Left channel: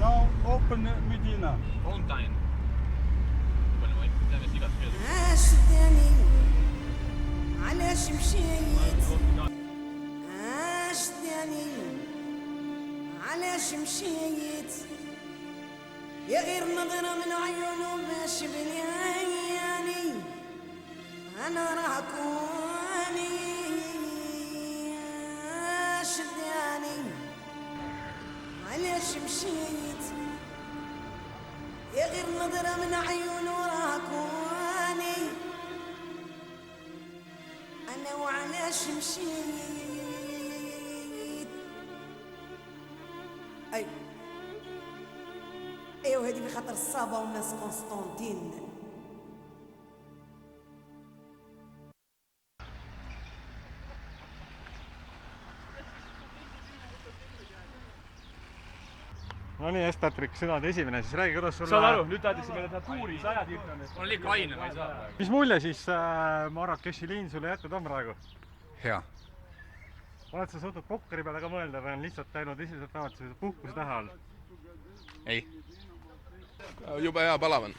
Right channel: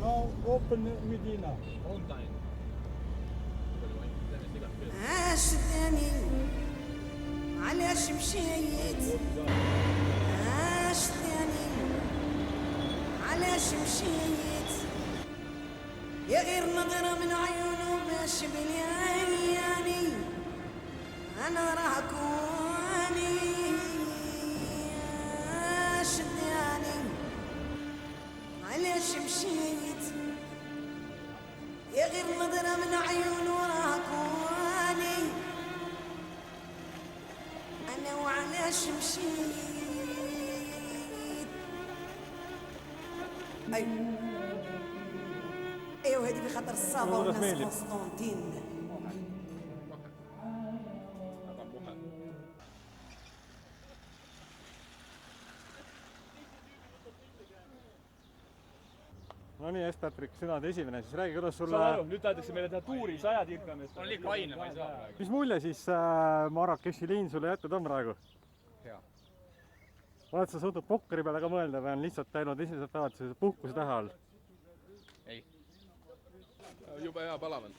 Now open Medina. Mountain. عاشتني علاش مشيت عاشتني علاش مشيت يا غير نظرة من عيونه باش بلياني أنا راكوني عاشتني علاش مشيت يا غير نظرة من عيونه راكوني أنا وعلاش مشيت أيوه هذه بخاطر الصابة والناس قسطنطين No nii, Estatriks, sina oled esimene, siis räägi, kuidas sulle... Saan aru, nüüd tahetakse meile teha tuuri, sa ajad irkamist. On liiga aine, ma ei saa. Mis mulje siis Marrakechi liin sulle jätnud on praegu? Hea. Oled sa suutnud pokkeri peale ka mõelda või on lihtsalt läinud esimesed päevad puhkuse taha all? Ei. Juba hea palavan.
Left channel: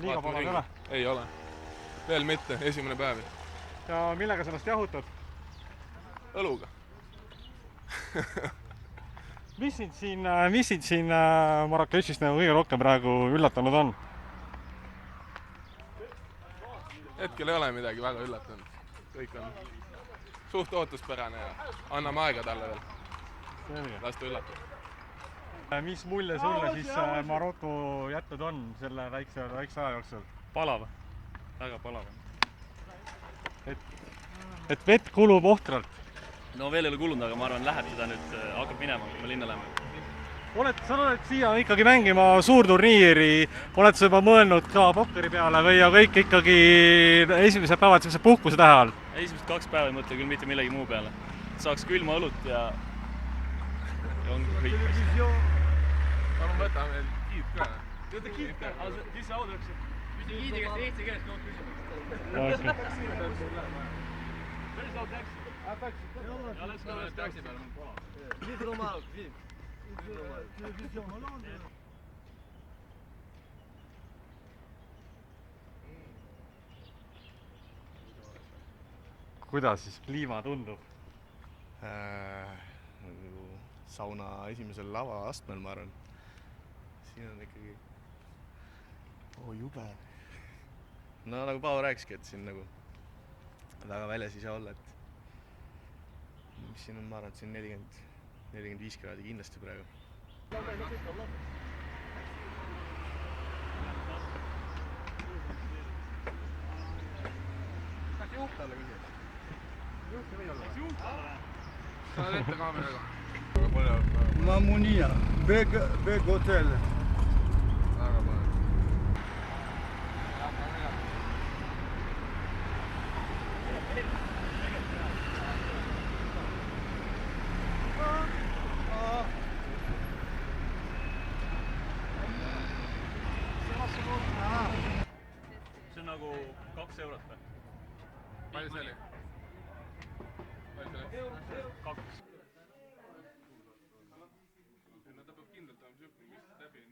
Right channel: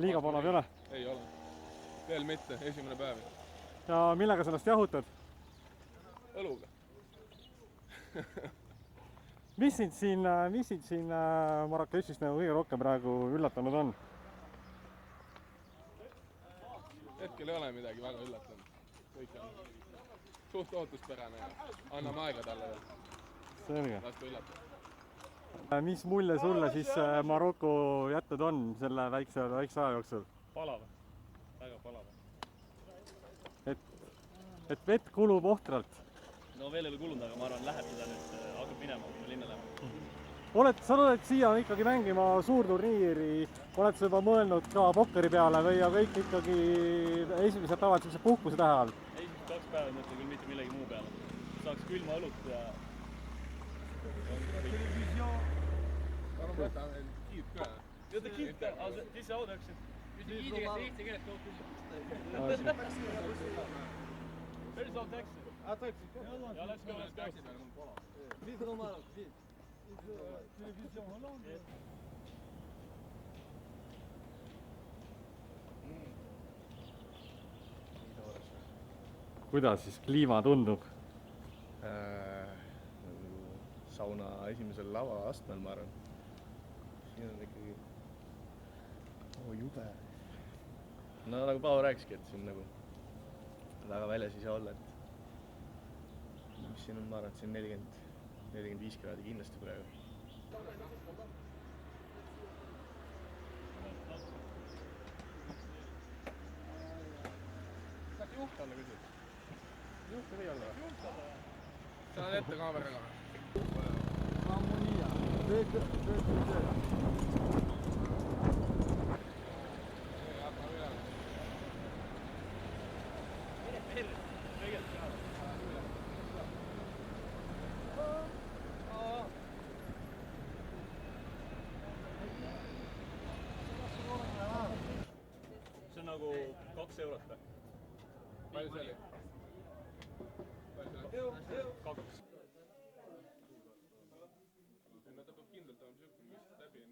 Liiga palav ei ole? Ei ole. Veel mitte, esimene päev. Ja millega sellest jahutad? Õluga. Mis sind siin Marrakechist kõige rohkem praegu üllatanud on? Hetkel ei ole midagi väga üllatanud. Kõik on suht ootuspärane ja anname aega talle veel. Las ta üllatab. Mis mulje sulle siis Maroko jätnud on selle väikse aja jooksul? Palav. Väga palav. Et vett kulub ohtralt. No veel ei ole kulunud, aga ma arvan, läheb seda nüüd, hakkab minema, kui me linna läheme. Sa oled siia ikkagi mängima suurturniiri, oled sa juba mõelnud ka pokkeri peale või kõik ikkagi esimesed päevad puhkuse tähe all? Esimesed 2 päeva ei mõtle küll mitte millegi muu peale. Saaks külma õlut ja ongi kõik. Palun võta meil kiid ka. Kiid ka, mis sa audaksid? Mitte kiidiga, eesti keeles kogu küsimus. Päris laud täksi. Ja läks ka mõned täksi peale, mõned pola. Vive le Maroc, vive. Télévision Hollande. Kuidas siis kliima tundub? Sauna esimesel lava astmel, ma arvan. Siin on ikkagi jube. No nagu Paavo rääkiski, et siin nagu väga väljas ei saa olla, et mis siin on, ma arvan, et siin 40-45 kraadi kindlasti praegu. Saaks juhtanda küsi? Juhta või olla? Juhtanda või? Sa on ette kaameraga. Mamounia, big hotel. See on nagu 2 eurot või? Palju see oli? 2. No ta peab kindlalt olema siuke, mis läbi ei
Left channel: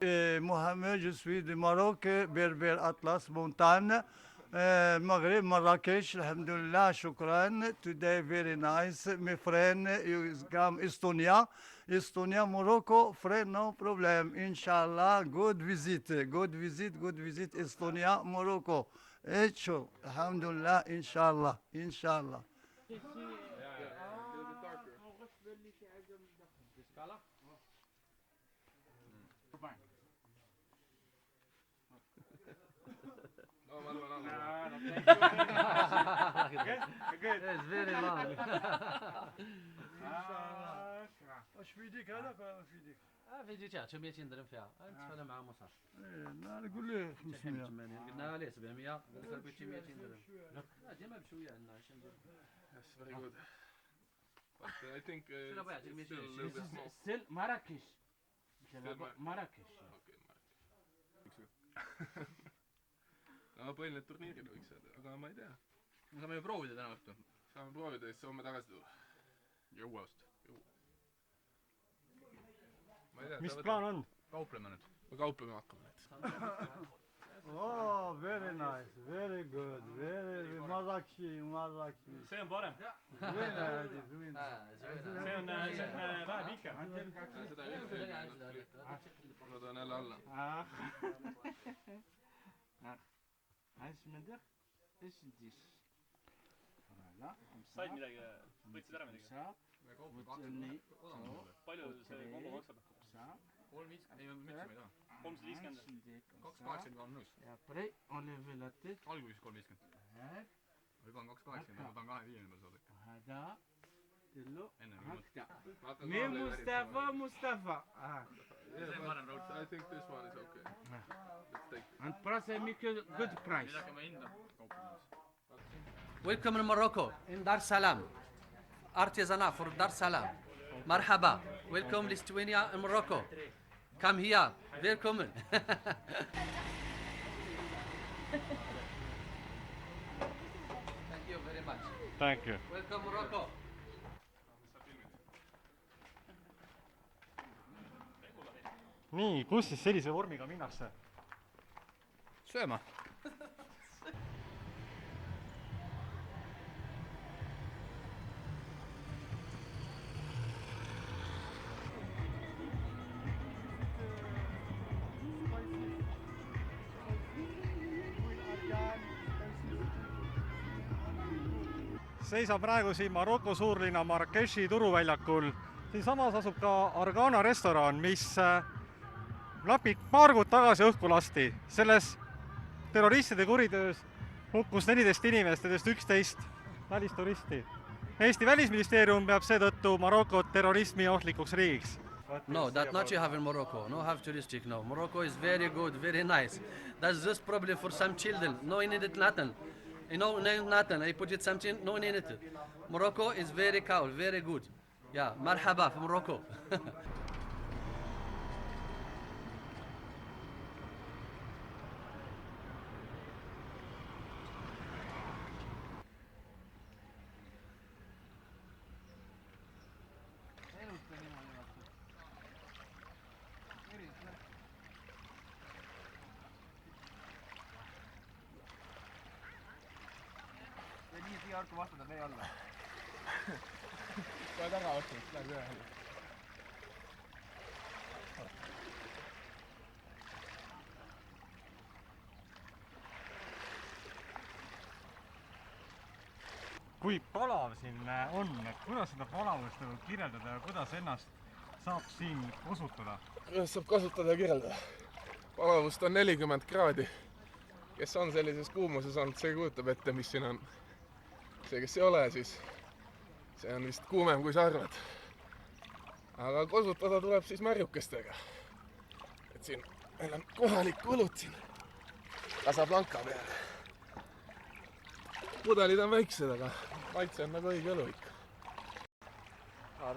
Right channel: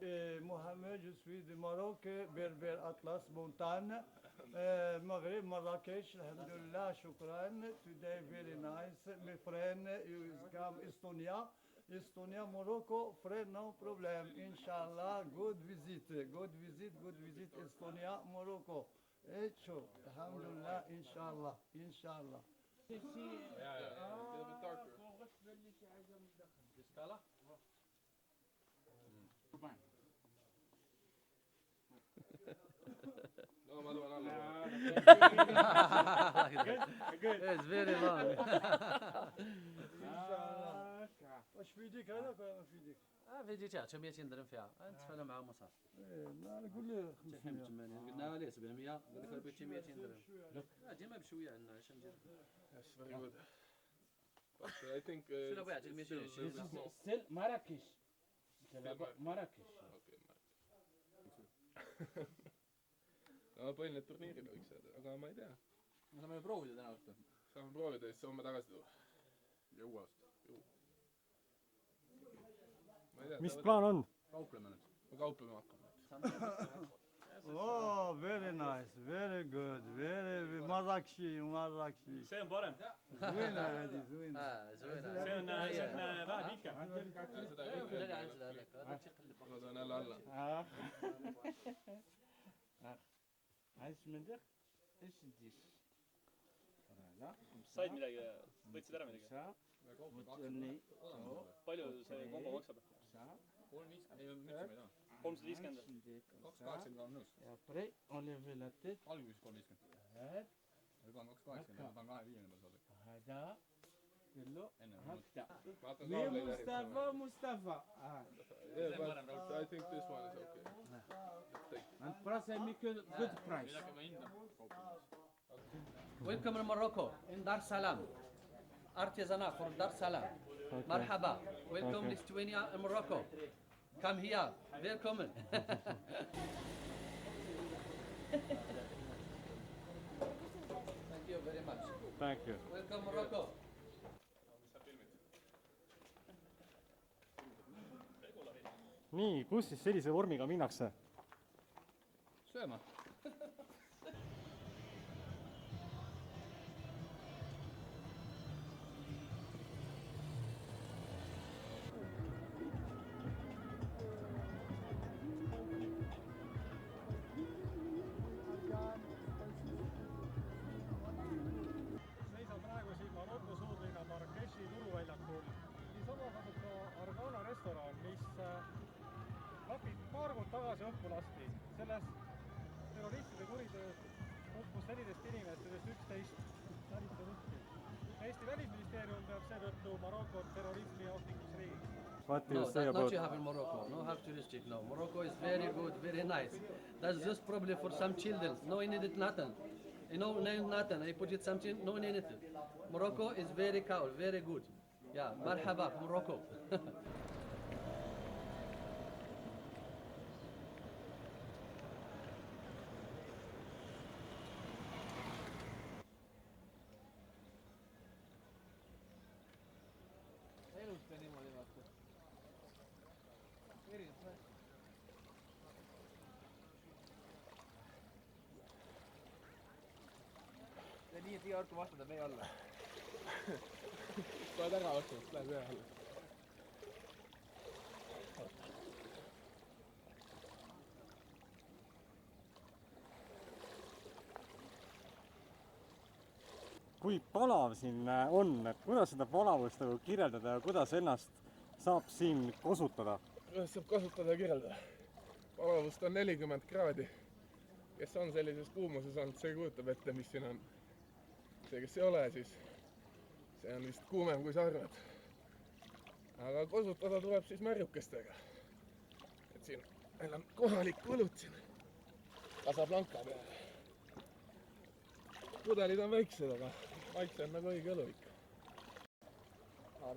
näe. Mohamed, je suis de Maroc, Berber Atlas Montagne, Maghreb, Marrakech, alhamdulillah, shukran. Today very nice, my friend, you come Estonia. Estonia, Morocco, friend, no problem. Inshallah, good visit, Estonia, Morocco. Echo, alhamdulillah, inshallah. It's very long. اش فيديك هذاك ولا فيديك؟ فيديو تاع 900 فيها نتفاهم مع موسى لا نقول له 500 قلنا ليه 700 قلت لك 900 لا ديما بشويه لنا اش ندير Yes, very good. But I think شنو بغيت 220 Still Marrakesh. Marrakesh. No põhiline turniiril võiks öelda, aga ma ei tea. Me saame ju proovida täna õhtul. Saame proovida ja siis saame tagasi tuua. jõuast. mis plaan on? kaupleme nüüd. me kauplema hakkame nüüd. Oh, very nice, very good, very Marrakshi. see on parem. Very see on vähe pikem. ma toon jälle alla. said midagi, võtsid ära midagi? palju see kombo maksab? 350. 280 on nõus. alguses 350. või panen 280, ma panen 25 peal saada. enne Mustafa. I think this one is okay. And price make a good price. midagi ma hindan kauplemas. Welcome in Morocco, in Dar Salam. Artisanat for Dar Salam. Marhaba. Welcome Lithuania in Morocco. Come here. Welcome. Thank you very much. Thank you. Welcome Morocco. nii, kus siis sellise vormiga minnakse? sööma. Seisab praegu siin Maroko suurlinna Marrakechi turuväljakul. Siinsamas asub ka Argana restoran, mis napib paar kuud tagasi õhku lasti. Selles terroristide kuritöös hukkus 14 inimest, nendest 11 välisturisti. Eesti välisministeerium peab seetõttu Marokot terrorismi ohtlikuks riigiks. No, that not you have in Morocco. No have touristic no. Morocco is very good, very nice. That's just problem for some children. No need it nothing. You know, nothing. I put it something. No need it. Morocco is very cool, very good. Yeah, marhaba from Morocco. kohe taga vastu, läheb ühe alla. Kui palav siin on, et kuidas seda palavust nagu kirjeldada ja kuidas ennast saab siin kasutada? Kuidas saab kasutada ja kirjeldada? Palavust on 40 kraadi. Kes on sellises kuumuses olnud, see kujutab ette, mis siin on. See, kes ei ole, siis see on vist kuumem kui sa arvad. Aga kasutada tuleb siis märjukestega. Et siin meil on kohalik õlut siin Casablanca peale. Pudelid on väiksed, aga maitse on nagu õige õlu ikka.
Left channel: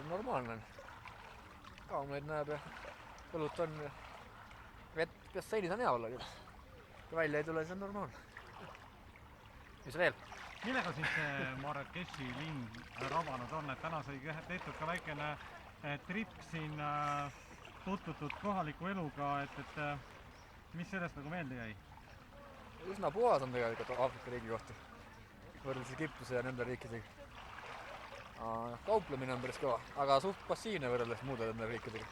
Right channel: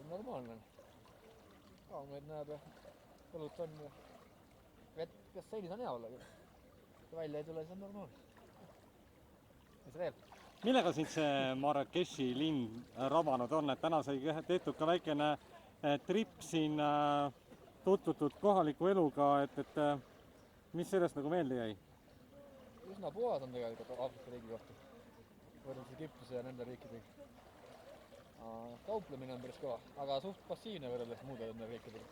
Normaalne on. Kaumeid näeb ja õlut on ja vett basseinis on hea olla küll. Kui välja ei tule, siis on normaalne. Mis veel? Millega siin see Marrakechi linn rabanud on, et täna sai tehtud ka väikene trip siin tutvutud kohaliku eluga, et mis sellest nagu meelde jäi? Üsna puhas on tegelikult Aafrika riigi kohta. Võrreldes Egiptuse ja nende riikidega. Kauplemine on päris kõva, aga suht passiivne võrreldes muude nende riikidega.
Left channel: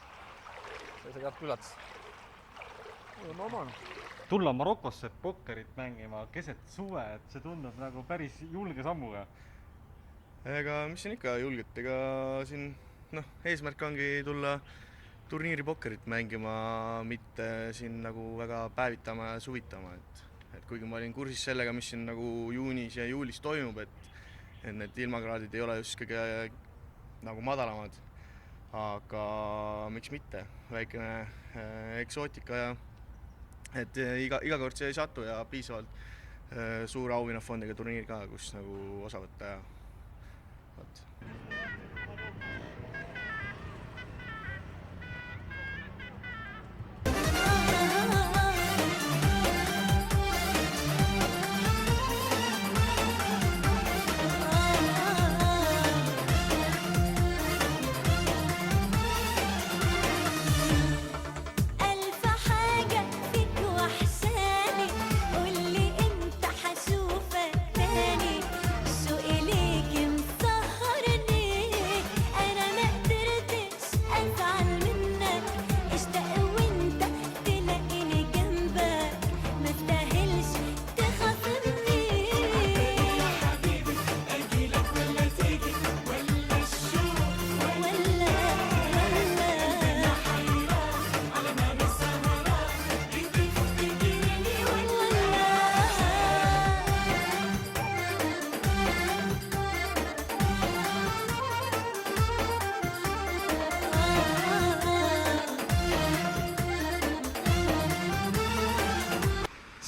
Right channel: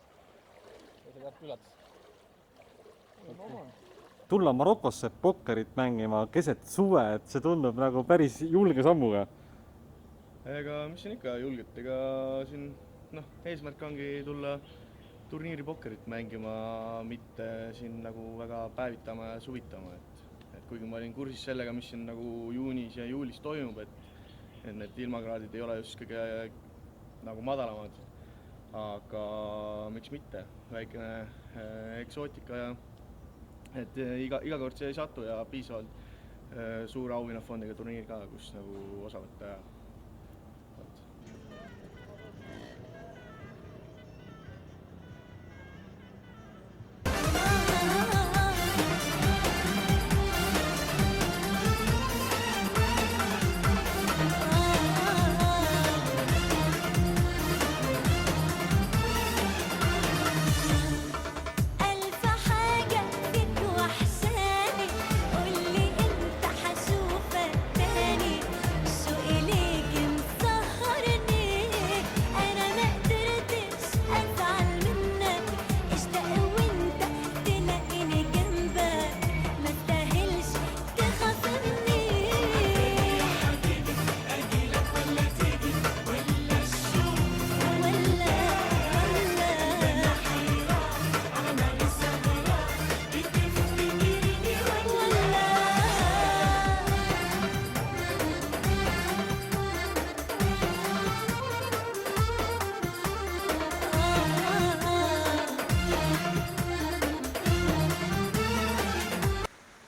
See käib üllatus. See on normaalne. Tulla Marokosse pokkerit mängima keset suve, et see tundub nagu päris julge sammuga. Ega mis on ikka julget, ega siin eesmärk ongi tulla turniiri pokkerit mängima, mitte siin nagu väga päevitama ja suvitama. Et kuigi ma olin kursis sellega, mis siin nagu juunis ja juulis toimub, et need ilmakraadid ei ole just kõige nagu madalamad. Aga miks mitte, väikene eksootika ja et iga kord see ei satu ja piisavalt suur auhinnafondiga turniir ka, kus nagu osa võtta ja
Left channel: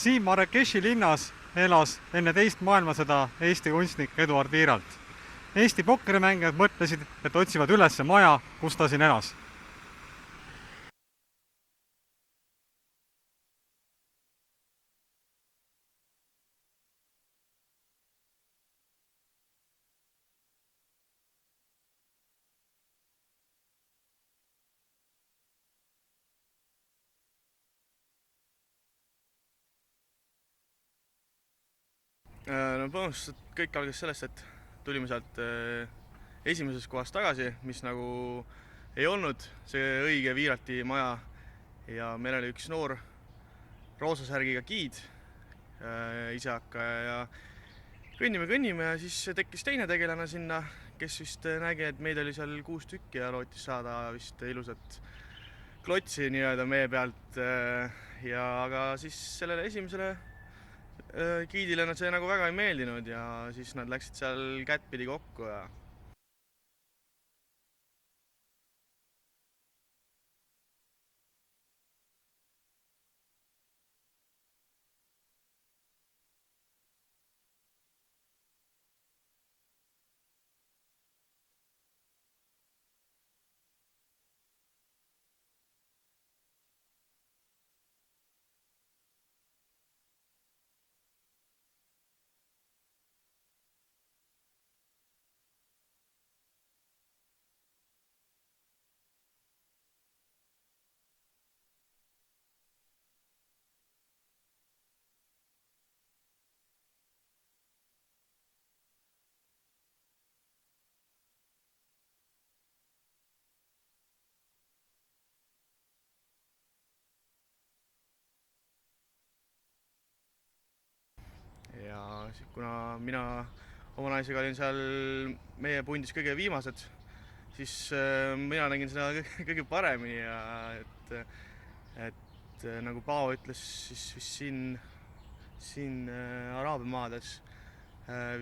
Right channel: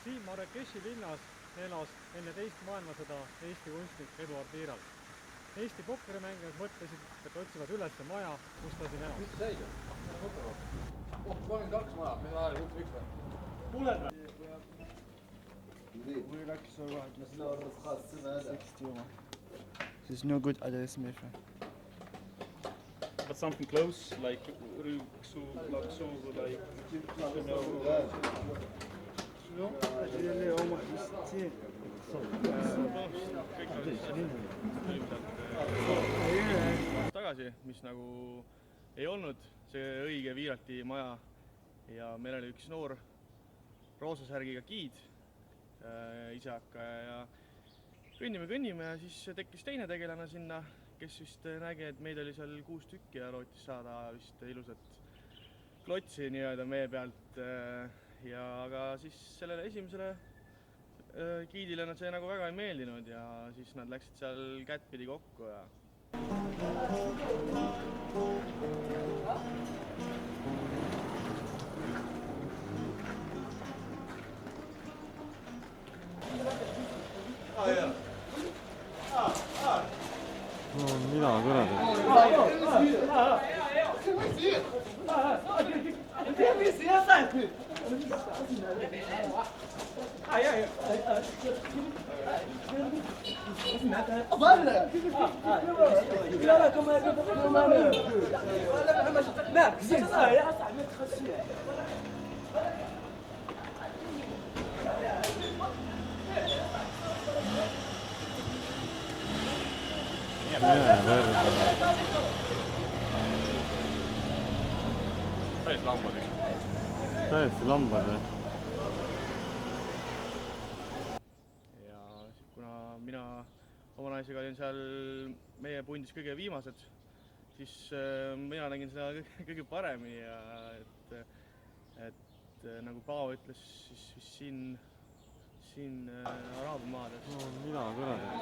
Siin Marrakechi linnas elas enne teist maailmasõda Eesti kunstnik Eduard Viiralt. Eesti pokkerimängijad mõtlesid, et otsivad üles maja, kus ta siin elas. There's no good address, my friend. But something close, like Rüksu, Laksu, like, No põhimõtteliselt kõik algas sellest, et tulime sealt esimesest kohast tagasi, mis nagu ei olnud see õige Viiralti maja ja meil oli üks noor roosasärgiga giid, isehakkaja ja kõnnime ja siis tekkis teine tegelane sinna, kes vist nägi, et meid oli seal 6 tükki ja lootis saada vist ilusat klotsi nii-öelda meie pealt ja aga siis sellele esimesele giidile nad see nagu väga ei meeldinud ja siis nad läksid seal kättpidi kokku ja No mida kuradi? Täiesti lambad või? ja kuna mina oma naisega olin seal meie pundis kõige viimased, siis mina nägin seda kõige paremini ja et nagu Paavo ütles, siis vist siin Araabia maades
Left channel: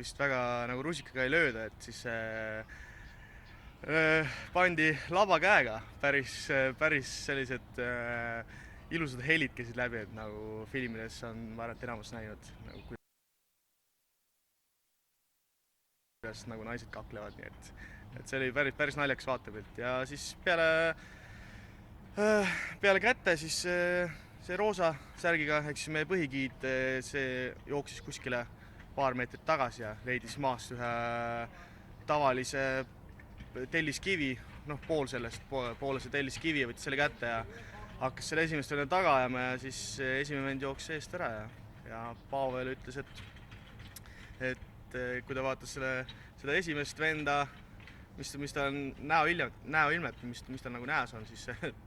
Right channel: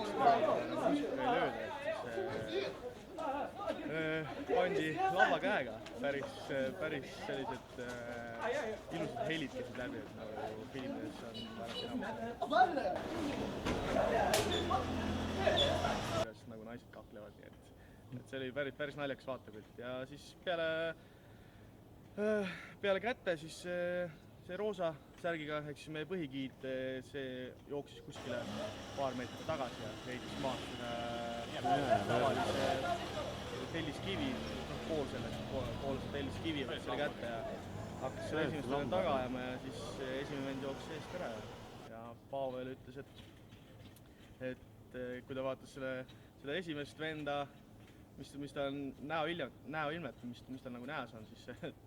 vist väga nagu rusikaga ei lööda, et siis pandi lavakäega päris sellised ilusad helid käisid läbi, et nagu filmides on vaadata enamus näinud. Kuidas nagu naised kaklevad, nii et see oli päris naljakas vaatepilt ja siis peale kätte siis see roosa särgiga, ehk siis meie põhigiid, see jooksis kuskile paar meetrit tagasi ja leidis maast ühe tavalise telliskivi, poole see telliskivi võttis selle kätte ja hakkas selle esimestele taga ajama ja siis esimene vend jooksis eest ära ja Pavel ütles, et kui ta vaatas seda esimest venda, mis ta on näoilmet, mis ta nagu näes on, siis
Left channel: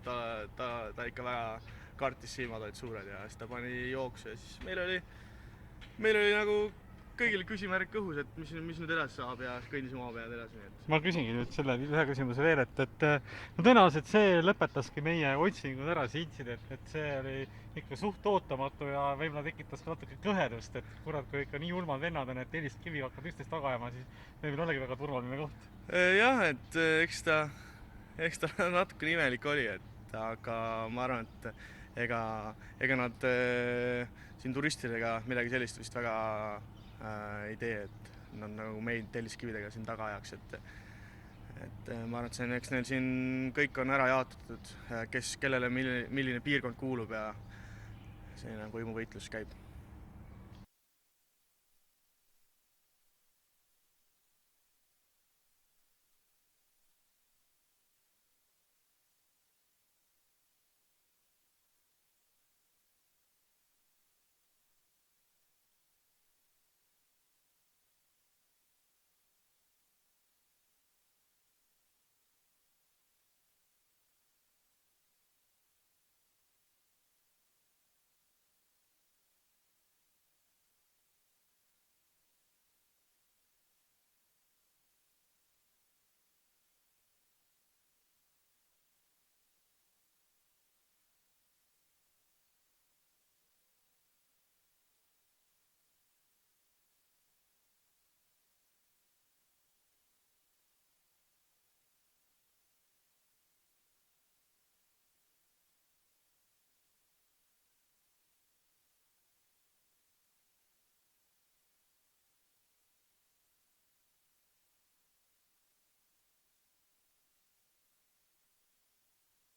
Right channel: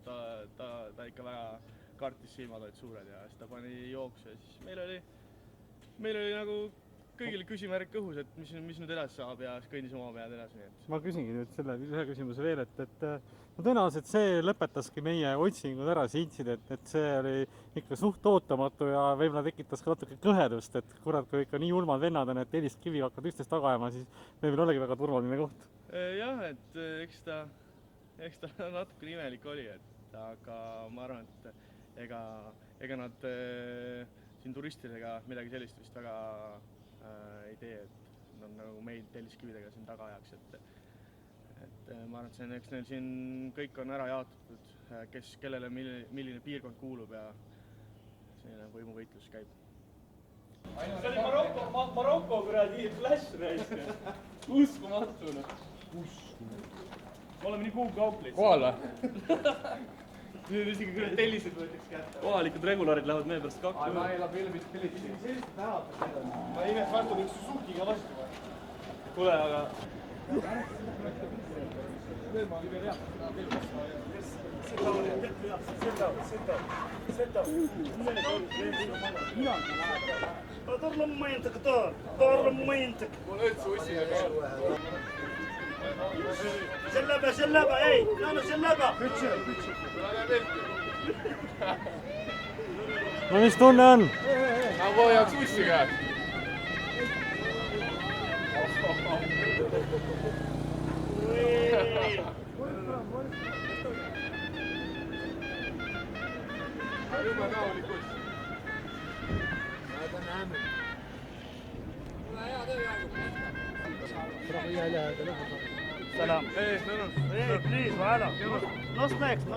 ta ikka väga kartis, silmad olid suured ja siis ta pani jooksu ja siis meil oli nagu kõigil küsimärk õhus, et mis nüüd edasi saab ja kõndis oma pead edasi. Ma küsingi nüüd selle ühe küsimuse veel, et no tõenäoliselt see lõpetaski meie otsingud ära, see intsident, et see oli ikka suht ootamatu ja võib-olla tekitas ka natuke kõhedust, et kurat, kui ikka nii julmad vennad on, et telliskivi hakkavad üksteist taga ajama, siis meil olegi väga turvaline koht. Jah, et eks ta natuke imelik oli, aga ma arvan, et ega nad siin turistidega midagi sellist vist väga ei tee, et nad nagu meid telliskividega siin taga ajaks, et ma arvan, et eks neil siin kõik on ära jaotatud, kellele milline piirkond kuulub ja selline võimuvõitlus käib. See oli Maroko kuradi flash reis. Uskumatu. Me oleme nii kuugkauplis. Kohal või? Nüüd isegi kuradi tellised võetakse kätte. Kohalikud regulaarid lähevad meie pärast kakku. Ma ei läbi ilmist tellised. Sellist tänatud seda. Ma imes vastu üks Suzukiga vastu. Kule, aga... طار لمينتك طار لمينتك جلبة اي انا جلبة No mis tunne on? Ma vajaks ussi käed. Jube rahulik uss. سلام ايه بليز وعلا نص نكست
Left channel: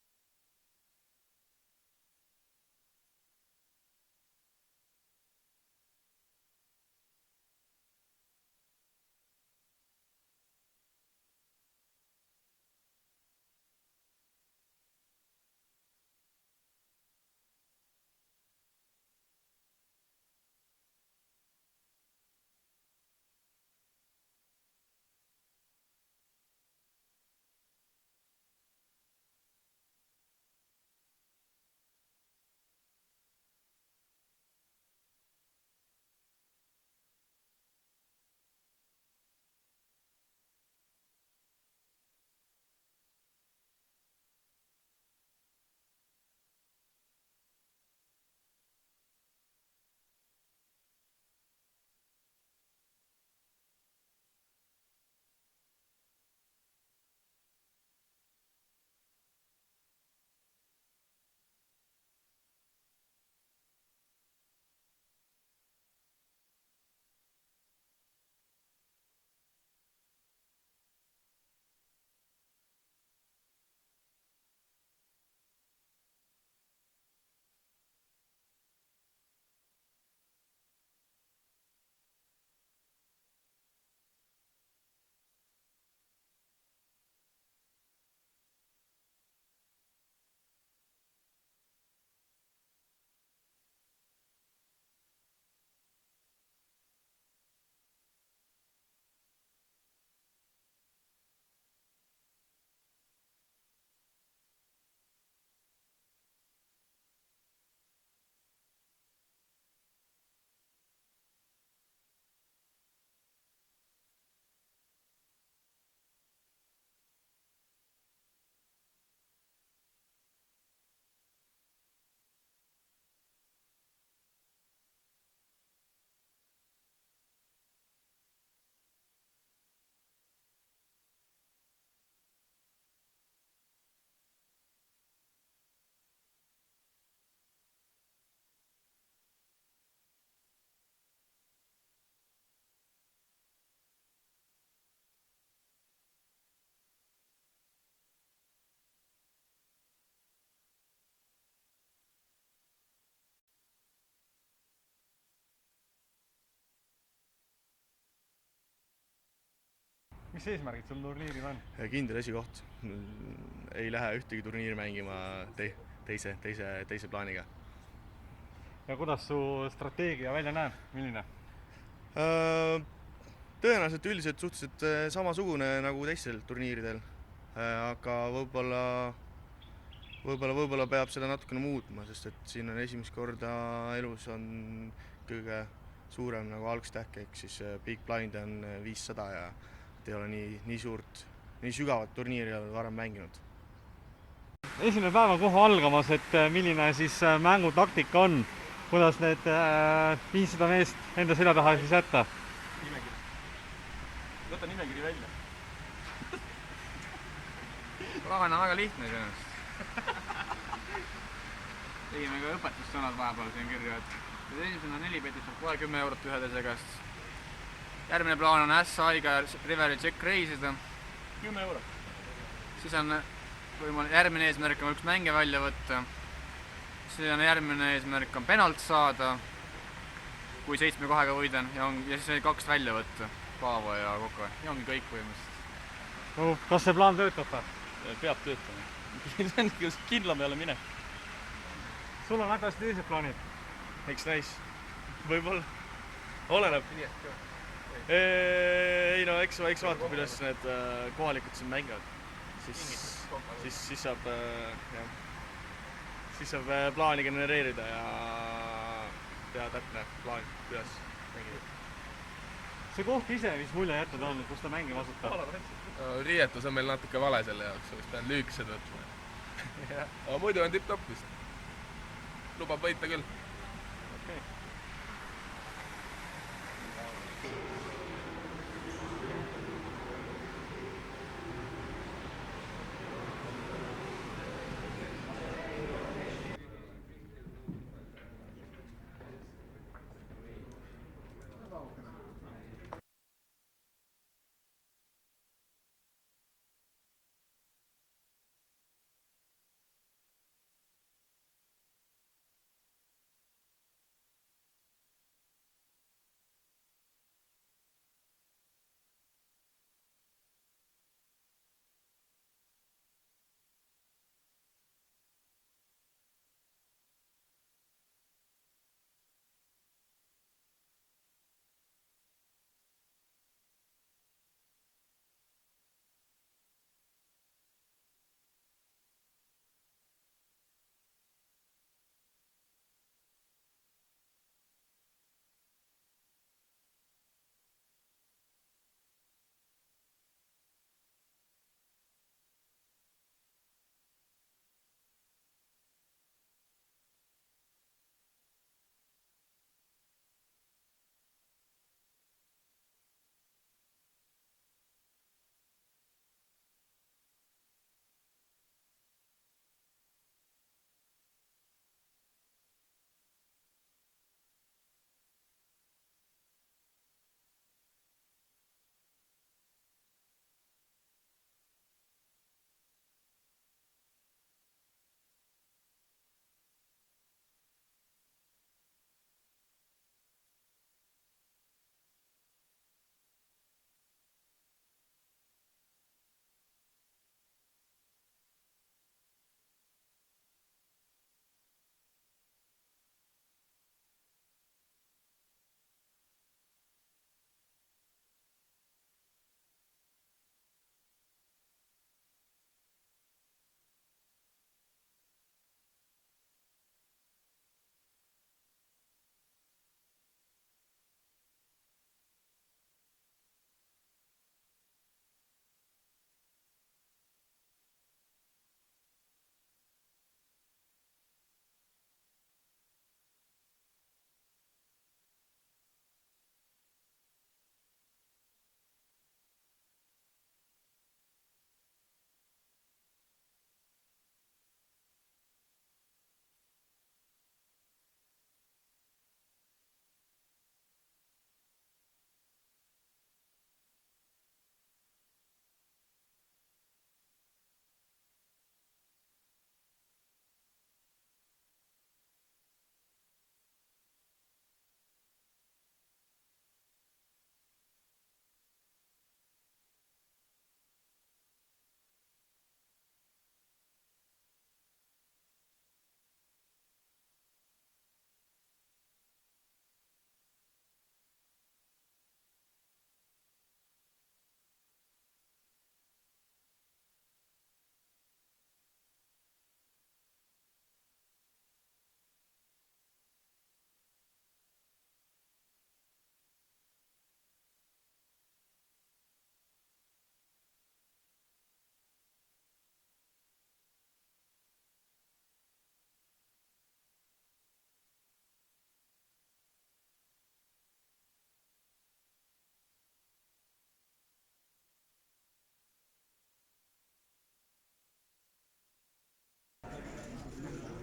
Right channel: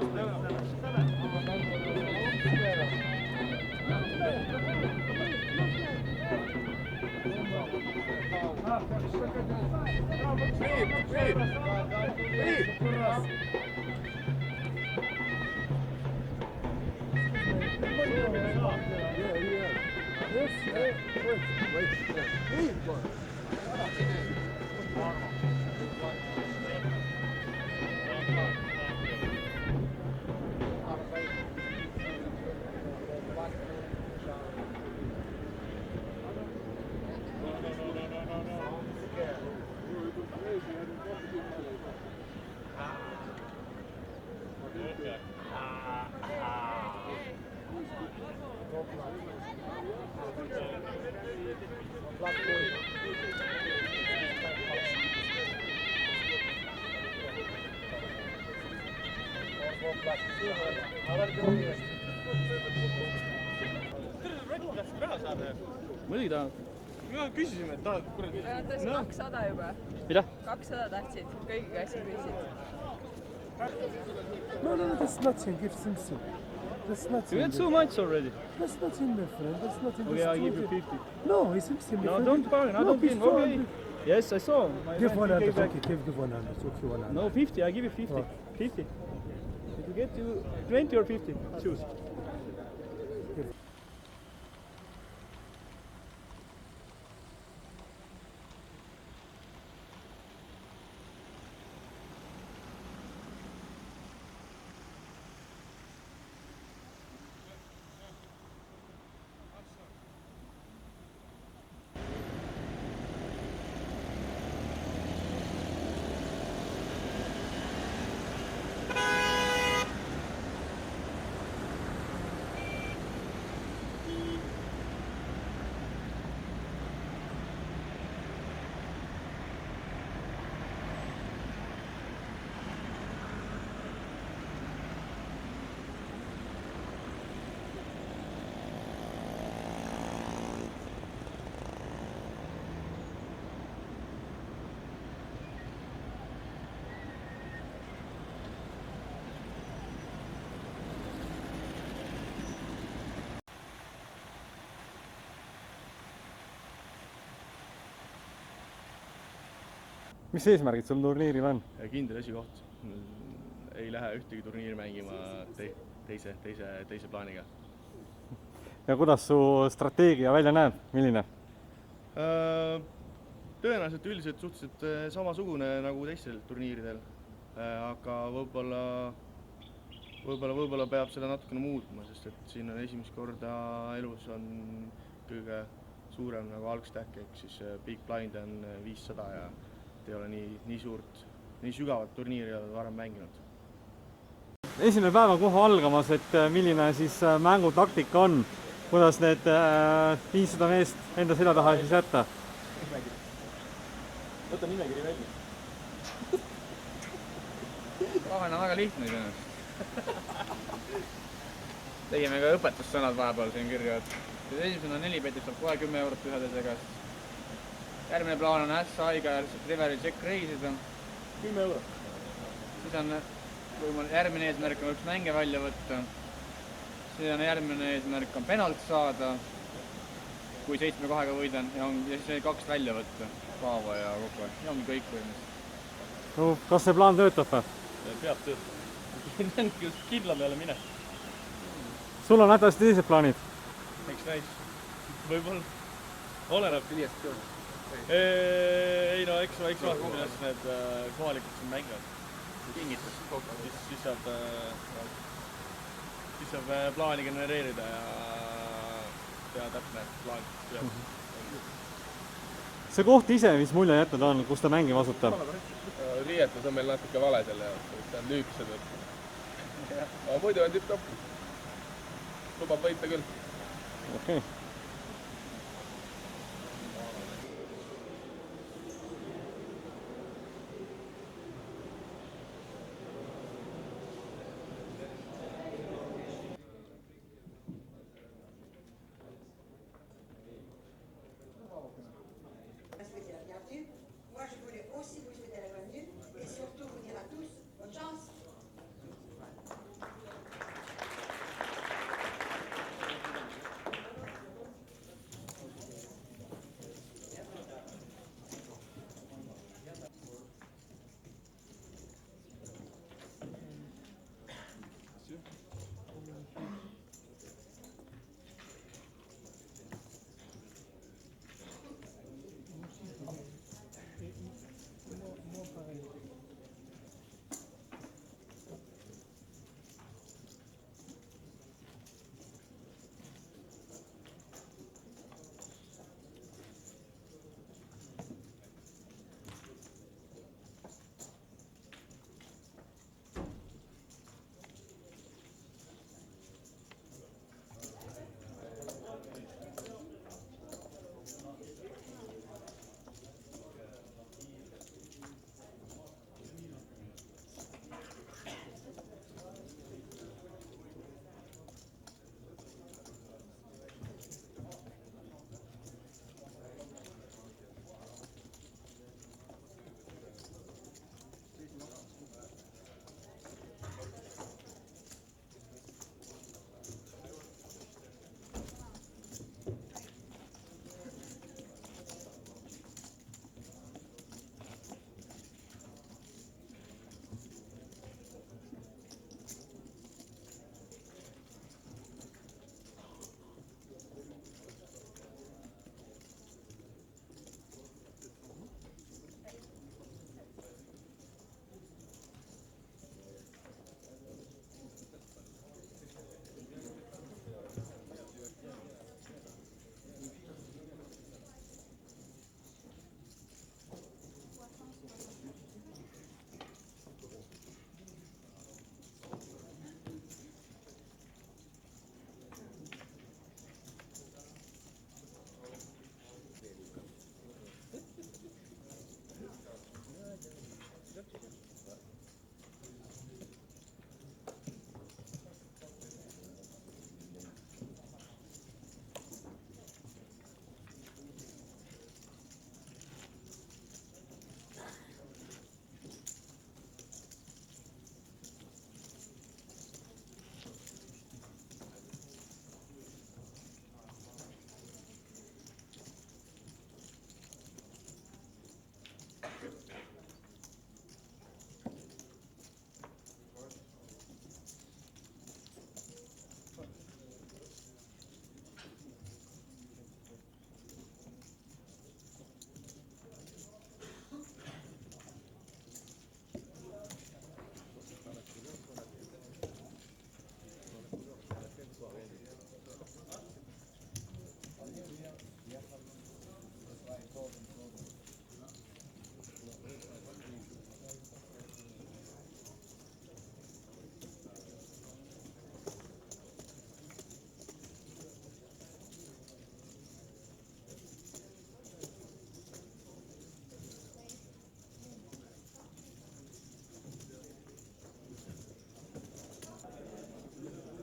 muidugi tahad. Mina küsisime, et tahad kuradi. Tahtsin 200 juba. Mida? 200 tahtsid, kõigiga asja küsisid. No, that's nothing. Give Simpson. That's nothing. You had so much already. That's nothing, my friend. That's nothing. Okay, I'll give you 50. No, it's Simpson. No, don't bargain. I don't give. Okay. Yes, I saw. Give 100. Okay, give 100. Okay, 100. No, 50. I give you 50. 50. If you get you 20 or 50, choose. Mis eesmärgid sul turniiril on? Kindel esikoht. Ei lähe ühtegi turniiri mängima teise plaaniga. Ja kuidas su strateegia välja näeb? Milline? Tõenäoliselt üldiselt suhteliselt samasugune nagu teistel turniiridel. Aga võib-olla peab seda natukene muutma, sest et siin on esimest korda elus on kõige suurem nagu algstähk, ehk siis Big Blind on 500 ja ei ole nii sügavat turniiri olen varem mänginud. Esimene päev on kohe algamas, et milline siis mängutaktika on, kuidas need 500 meest enda selja taha siis jätta? Nimekiri. Võta nimekiri välja. Plaan on väga lihtne tõenäoliselt. Tegime ka õpetussõnad vahepeal siin kirja, et kui esimene 4 peetud saab kohe 10 eurot ühedese käest. Järgmine plaan on S-Aiga Riveri Check reisida. 10 eurot. Siis on järgmine eesmärk on üks mänge välja võtta. Siis on järgmine eesmärk on penalt saada, kui 7-2-ga võidan, ja siis 2 välja võtta. Haava ja Koka. Ja ongi kõik põhimõtteliselt. Kas see plaan töötab? Peab töötab. See on kindlam ei ole mine. Sul on hädasti teised plaanid? Eks näis. Võib-olla. Oleneb. Ei no, eks vaata, kuidas need kohalikud siin mängivad. Siis saab plaani genereerida ja täpne plaan. See koht ise, mis mulje jätnud on, kus ta mängima asutab? Riietus on meil natuke vale selle jaoks, vist on lüükesed võtta. Aga muidu on tipp-toppis. Lubab võita küll. Okei.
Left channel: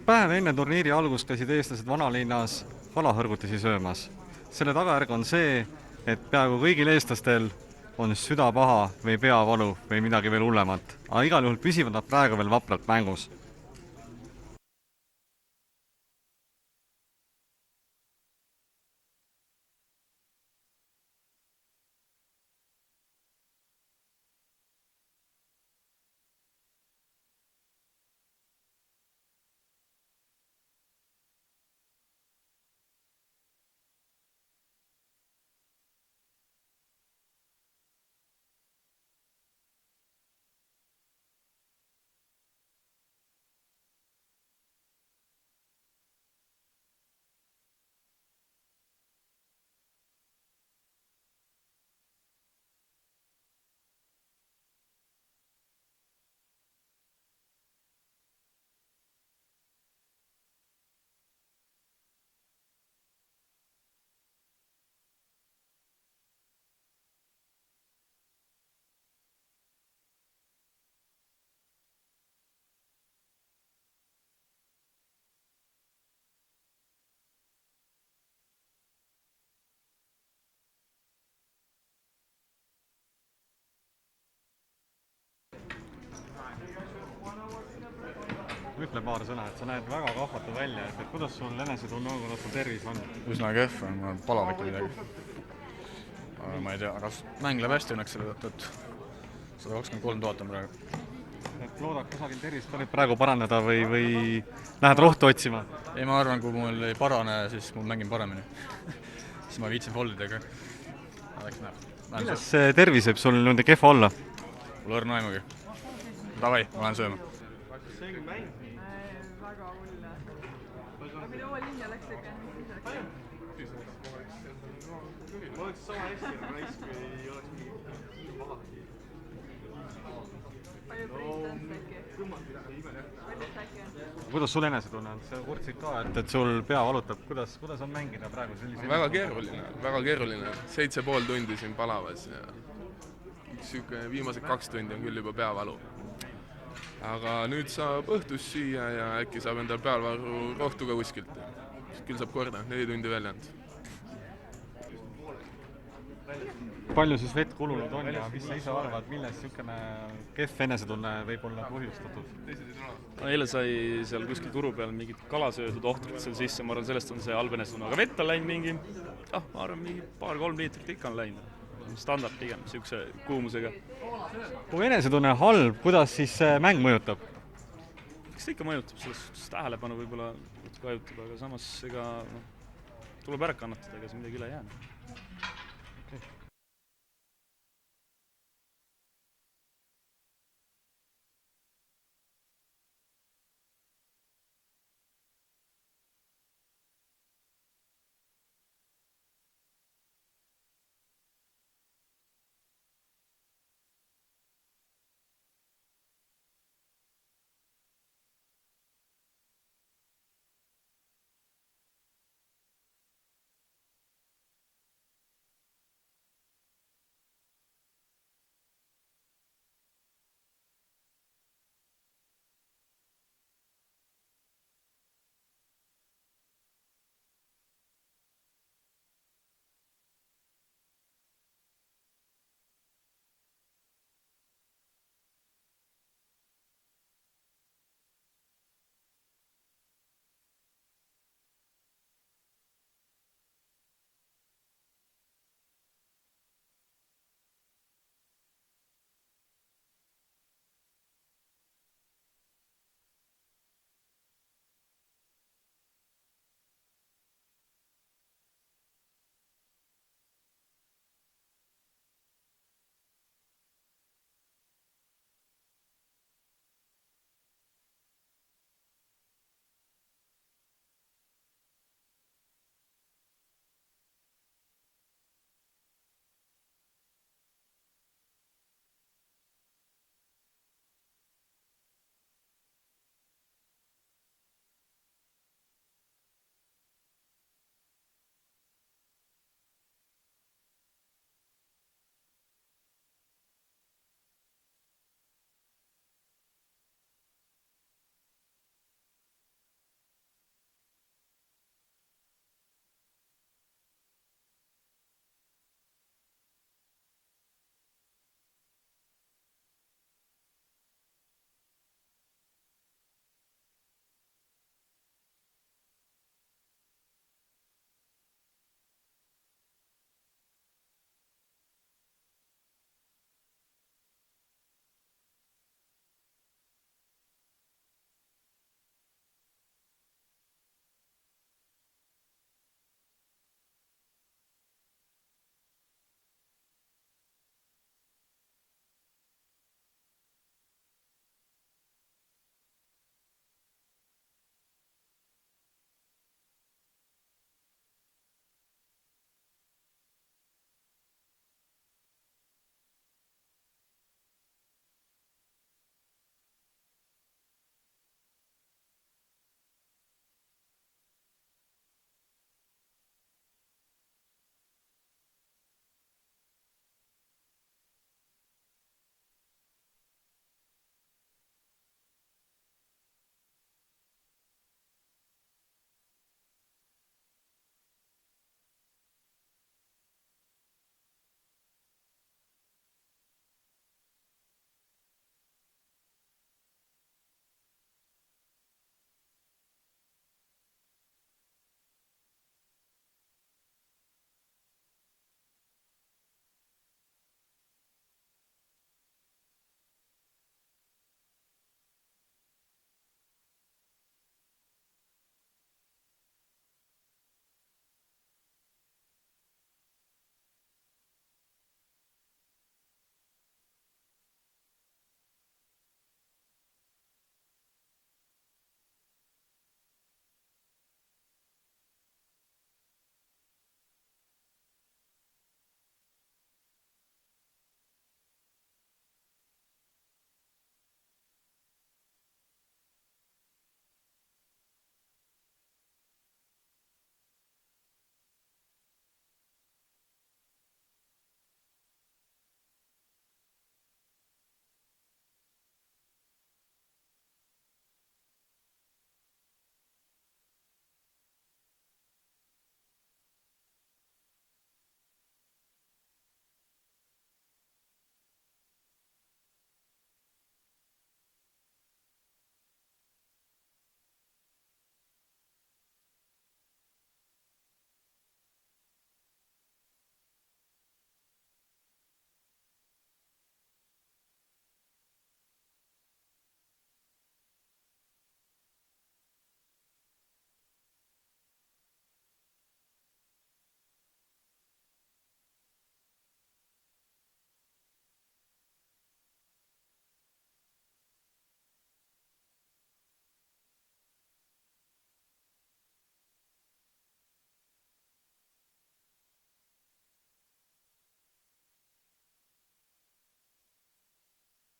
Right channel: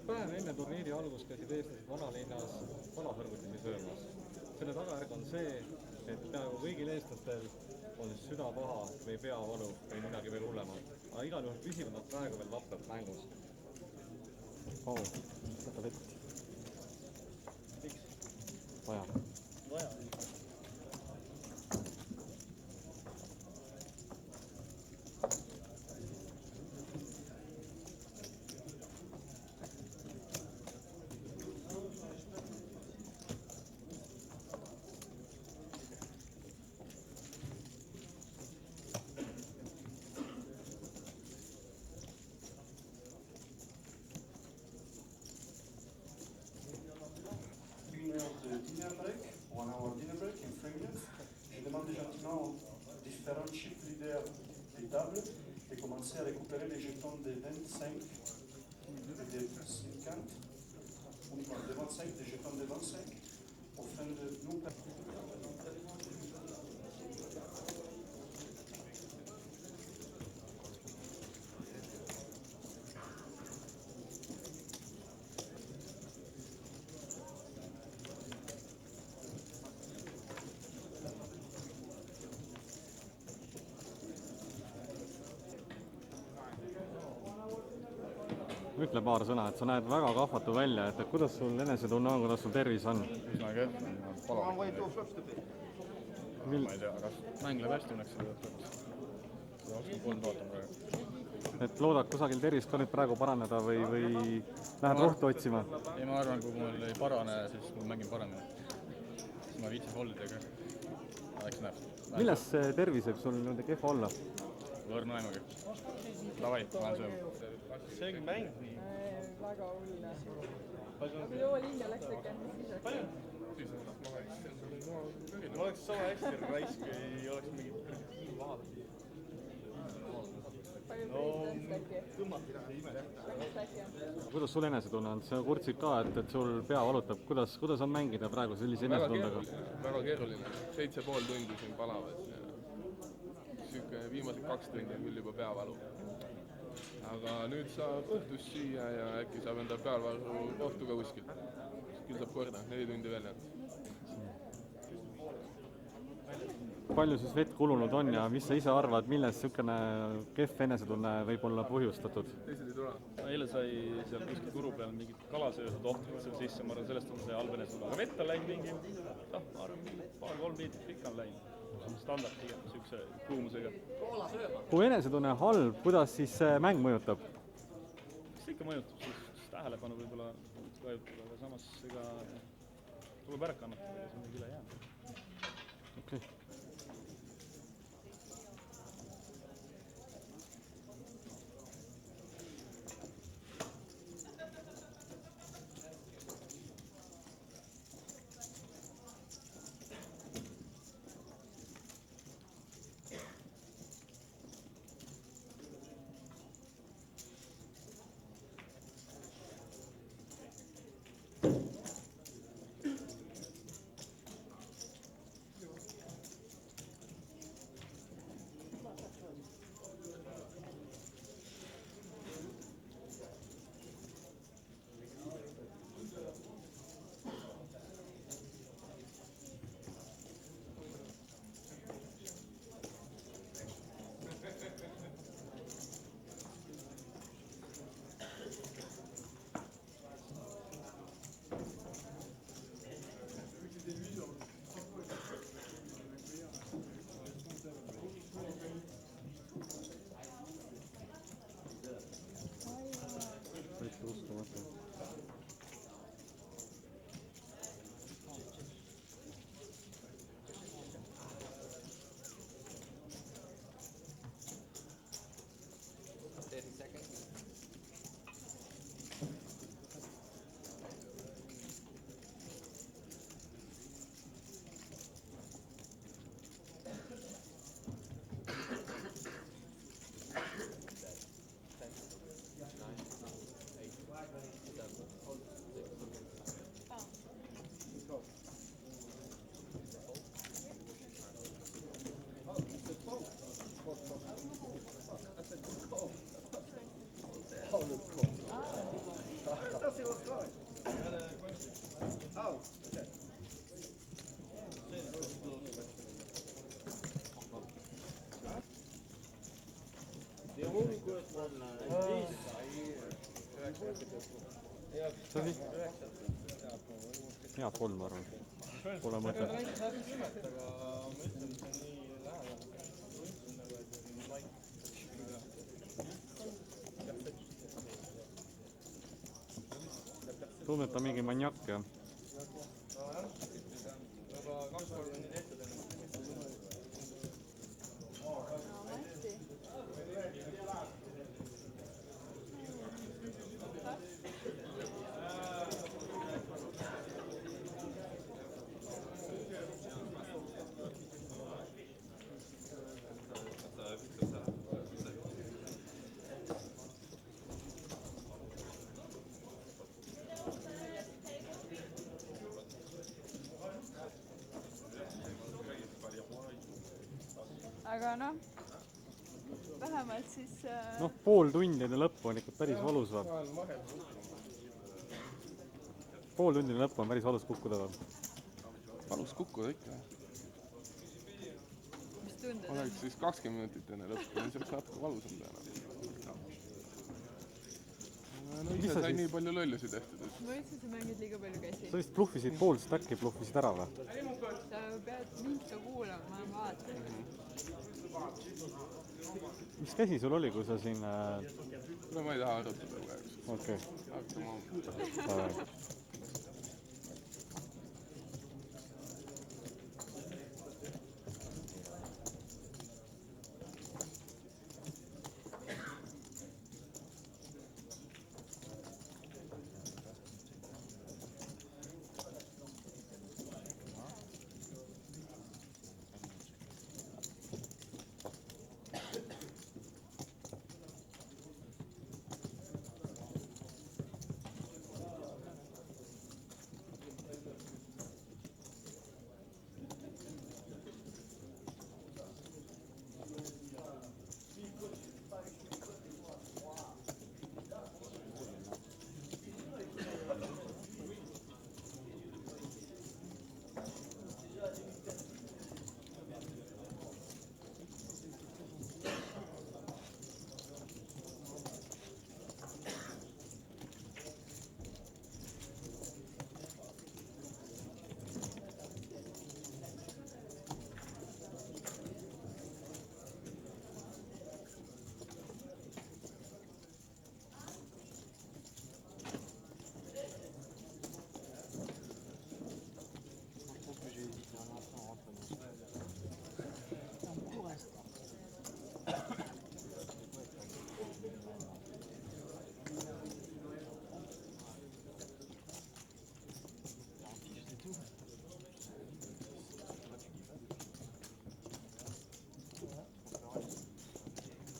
päev enne turniiri algust käisid eestlased vanalinnas kalahõrgutisi söömas. Selle tagajärg on see, et peaaegu kõigil eestlastel on süda paha või peavalu või midagi veel hullemat. Aga igal juhul püsivad nad praegu veel vapralt mängus. À récupérer les jetons des 25 et des 50, des 25, des jetons des 25, afin de nous Ütle paar sõna, et sa näed väga kahvatu välja, et kuidas sul enesetunne on, kuidas sul tervis on? Üsna kehv on, mul on palav ikka midagi. Ma ei tea, kas mäng läheb hästi õnneks selle tõttu, et 123 000 on praegu. Et loodad kusagil tervist olid praegu paraneda või lähed rohtu otsima? Ei, ma arvan, kui mul ei parane, siis ma mängin paremini. Siis ma viitsin foldidega. Milles see tervis võib sul nüüd kehva olla? Mul õrna aimugi. Davai, ma lähen sööma. Väga hullne. Aga kui too linna läks ikka, siis läks. Ma oleks sama hästi raisk või ei oleks Palju president äkki? Palju äkki on? Kuidas sul enesetunne on? Sa kurtsid ka, et sul pea valutab. Kuidas on mängida praegu sellise? Väga keeruline. 7,5 tundi siin palavas. Viimased 2 tundi on küll juba peavalu. Aga nüüd saab õhtus süüa ja äkki saab endal pealvaru rohtu ka kuskilt. Küll saab korda, 4 tundi välja anda. Palju siis vett kulunud on ja mis sa ise arvad, millest niisugune kehv enesetunne võib olla põhjustatud? Eile sai seal kuskil turu peal mingid kalasöödud ohtrit seal sisse, ma arvan, sellest on see halb enesetunne. Aga vett on läinud mingi, ma arvan, mingi 2-3 liitrit ikka on läinud. Standard pigem, niisuguse kuumusega. Kui enesetunne halb, kuidas siis mäng mõjutab? Eks ta ikka mõjutab, sest tähelepanu võib-olla vajutab, aga samas ega tuleb ära kannatada, ega see midagi üle jäänud. see oli hea kolm, ma arvan. Pole mõtet. Tundub, et on mingi maniak, jah. Aga noh, vähemalt siis... Noh, pool tundi enne lõppu on ikka päris valus või? Pool tundi enne lõppu on päris valus kukkuda või? Valus kukkuda ikka. Mis tunded? Oleks siis 20 minutit enne lõppu, siis oleks natuke valusam teha. No ise sai nii palju löllusi tehtud. Ma ütlesin, sa mängid liiga palju käsi. Sa vist pluffisid pool stacki, pluffisid ära või? Sa pead mind ka kuulama, ma vaatan. Mis käsi sul oli, kui sa siin... No ma ei taha arutada praegu. Okei. Hakkama.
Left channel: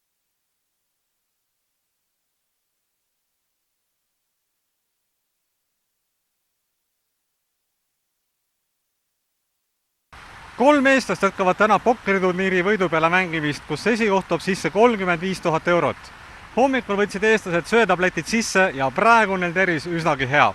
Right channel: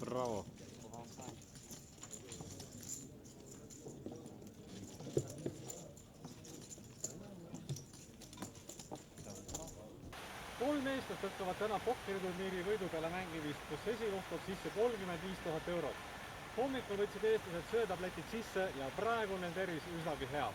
Bravo. Kolm eestlast jätkavad täna pokkeriturniiri võidu peale mängimist, kus esikoht toob sisse 35 000 eurot. Hommikul võtsid eestlased söötabletid sisse ja praegu on neil tervis üsnagi hea.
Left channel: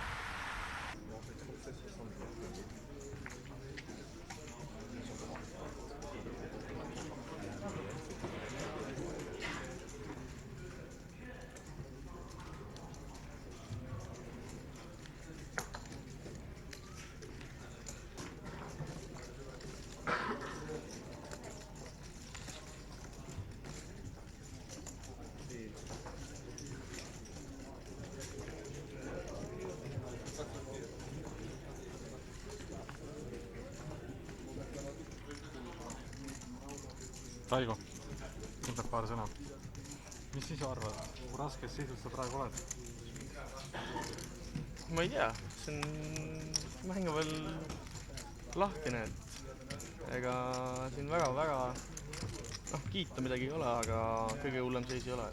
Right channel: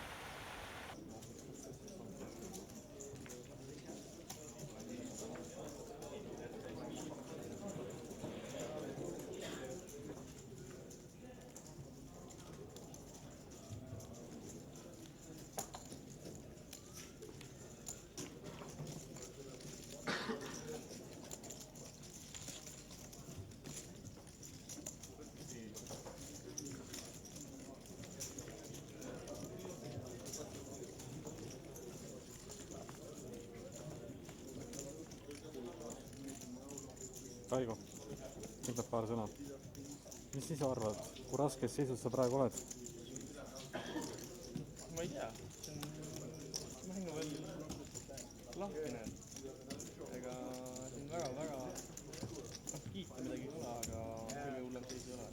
Raigo, ütleb paar sõna. Mis siis arvad, kui raskes seisus sa praegu oled? Ma ei tea, see on mäng on veel lahkene, et ega siin väga kiita midagi ei ole, aga kõige hullem seis ei ole.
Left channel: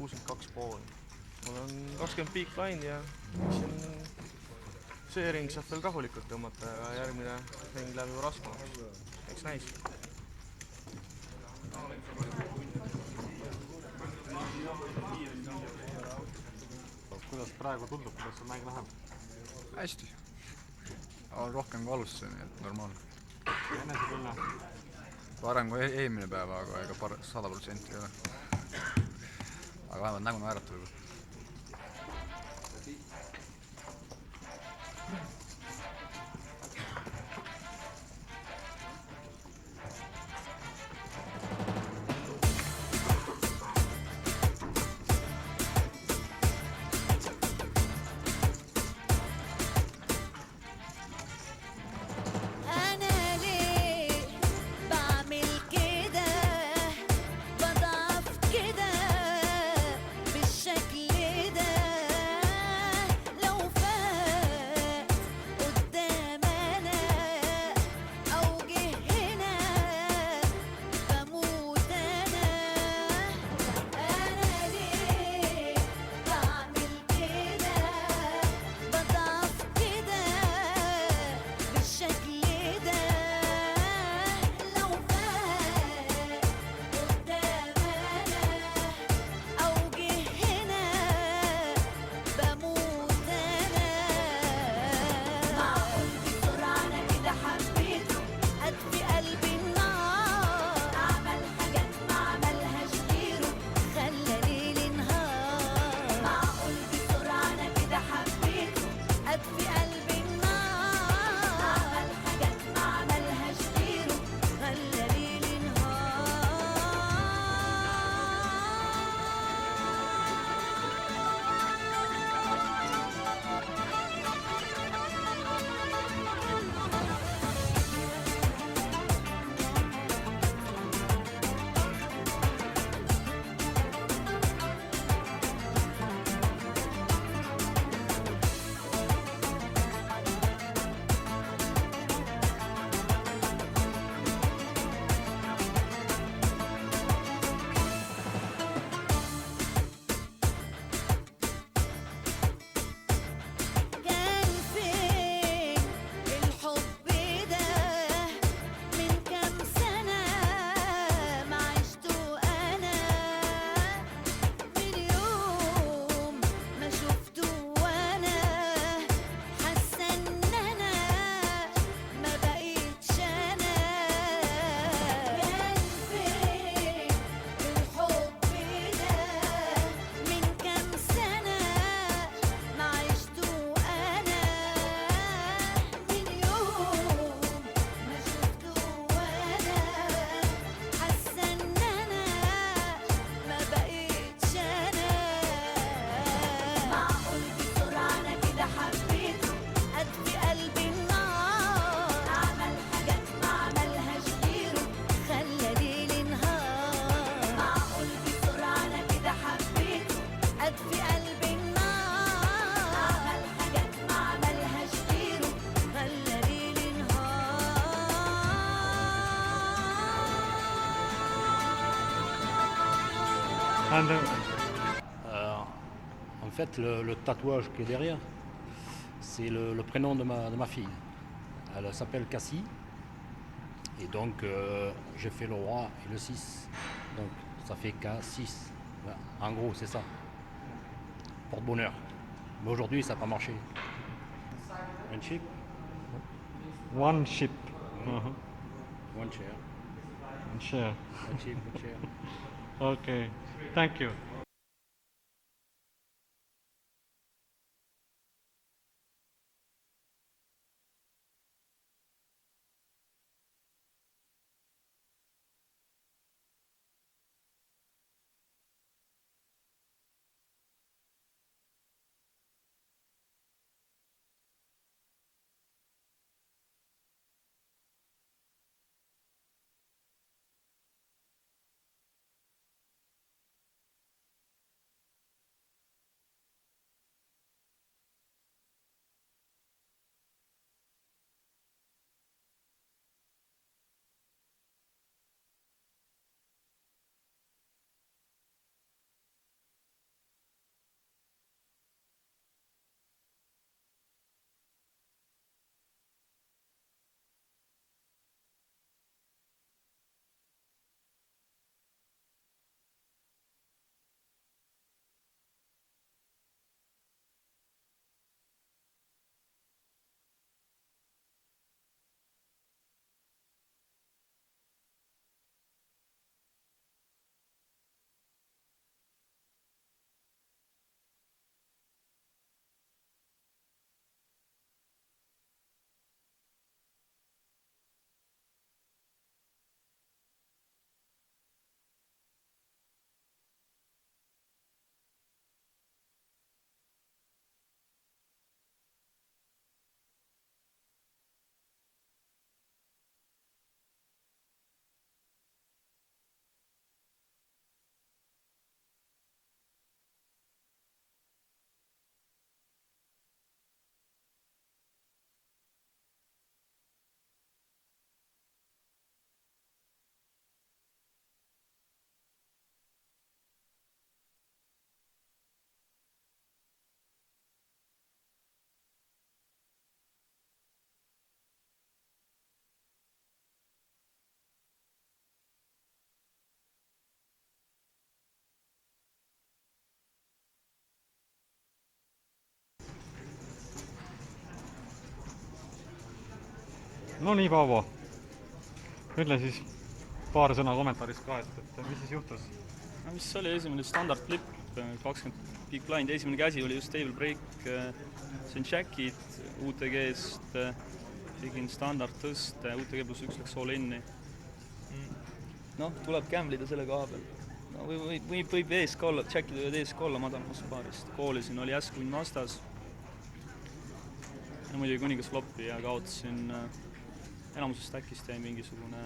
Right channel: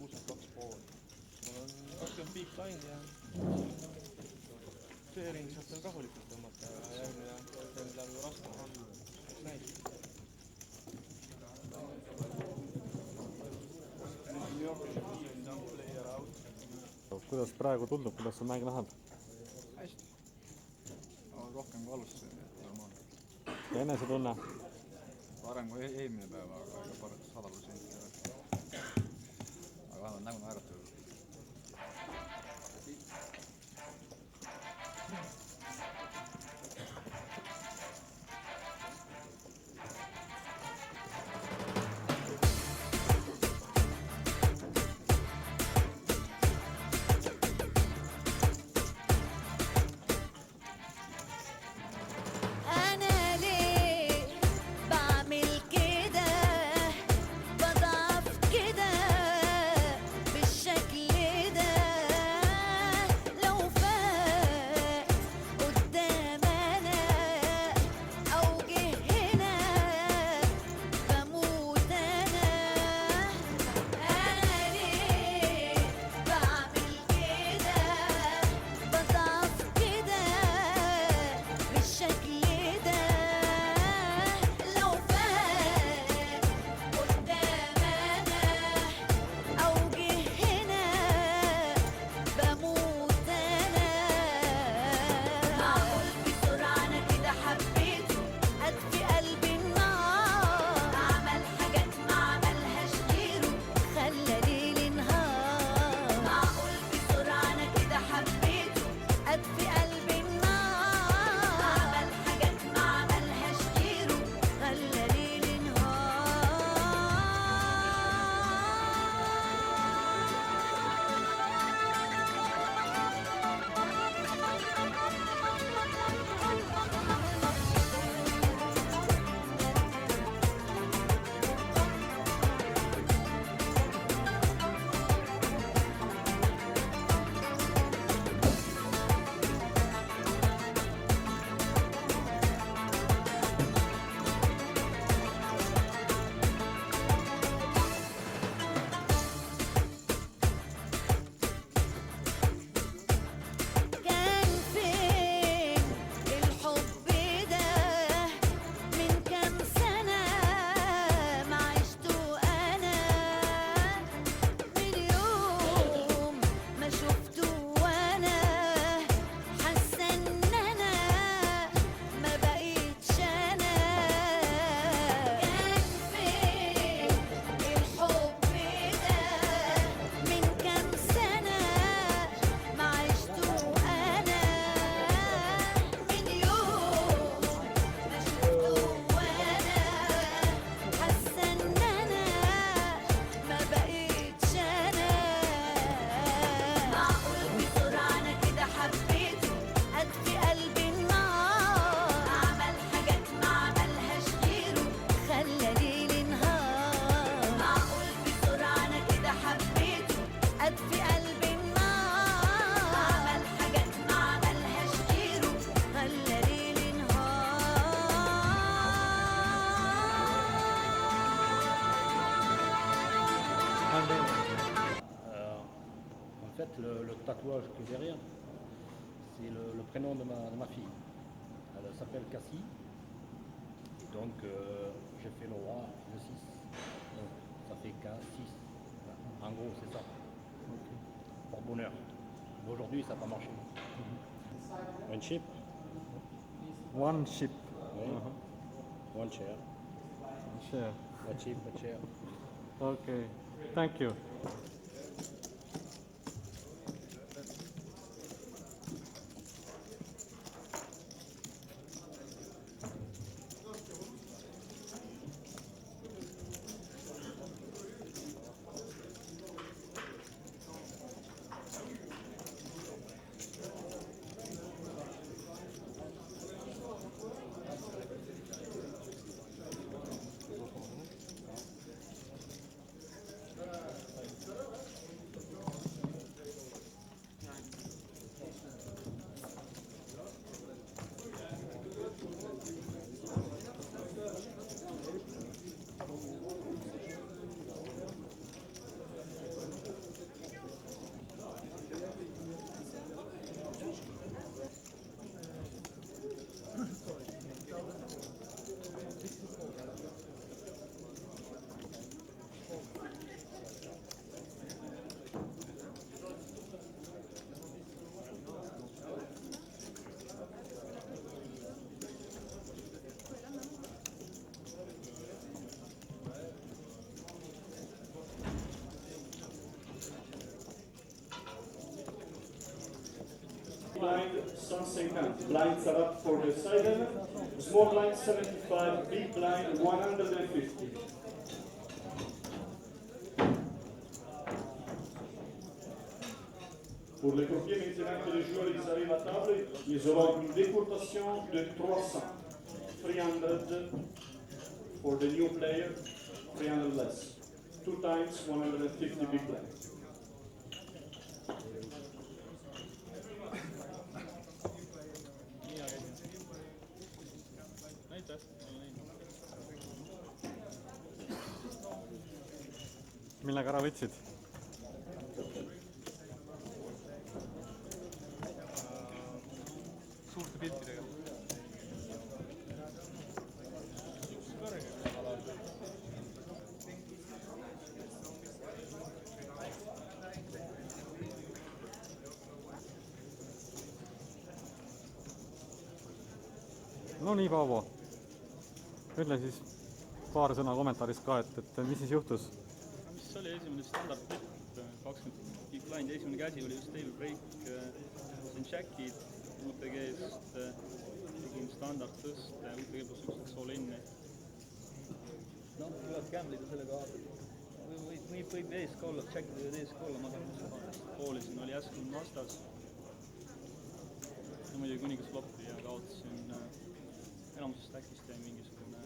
62,5. Mul on 20 peak line ja see ring saab veel rahulikult tõmmata ja järgmine ring läheb juba raskemaks. Eks näis. Kuidas praegu tundub, kuidas see mäng läheb? Hästi. On rohkem kui alusse, nii et normaalne. Ja enesetunne? Parem kui eelmine päeva, aga ega 100% ei ole. aga vähemalt nägu naeratada. أنا ليه بعمل كده بضعف كده بالشكل ده لو فات قدام أنا أو جه هنا بموت أنا ليه بعمل كده بضعف كده بالشكل ده لو فات قدام أنا أو جه هنا بموت أنا معقول بسرعة أنا كده حبيته أطفي قلبي النار عمل حاجات ما عملهاش غيره خلى ليلي نهار معقول بسرعة أنا كده حبيته أطفي قلبي النار عمل حاجات ما عملهاش غيره خلى ليلي كان فين الحب ده من كام سنة ما عشته أنا من يوم ما شفته وأنا حاسة إن أنا ما بقيتش أنا كان فين الحب ده من كام سنة ما عشته أنا من يوم ما شفته وأنا حاسة إن أنا ما بقيتش أنا معقول بسرعة أنا كده حبيته أطفي قلبي النار عمل حاجات ما عملهاش غيره خلى ليلي نهار معقول بسرعة أنا كده حبيته أطفي قلبي النار عمل حاجات ما عملهاش غيره خلى ليلي En fait, le tatouage qui est derrière, c'est le prénom de ma fille. Elle s'appelle Cassie. Et donc, j'ai fait le roi et le 6. Donc, ça fait K6. Voilà. En gros, c'est ça. Porte-bonheur. Mais aujourd'hui, ça n'a pas marché. Un ship? One ship. One chair. One share. A ship, a chair. Okay, thank you. 50. Blinds are up for the side. Small blind 75, big blind 150. Pour les courtiers, maintenant que les joueurs ils arrivent à table, ils auront une décourtation de 300. 300 for the new player, 300 less. 2 times 150 big blind. Millega ära võtsid? Suurte piltidega. No nii, Paavo. Ütle siis paar sõna kommentaaris ka, et mis siis juhtus? Mis oli esimene standard flip, 20 big blind, esimene käsi oli just table break, see on Jackid UTG-st, tegin standard tõste, UTG pluss 1 läks all inni. Noh, tuleb gamblida selle koha peal. No, võib ees ka olla, Jackid võivad ees ka olla madalamas paarist. Koolisin, oli Asquin vastas. Ja muidugi kuningas flopi ja kaotasin enamusest äkist jäi mingisugune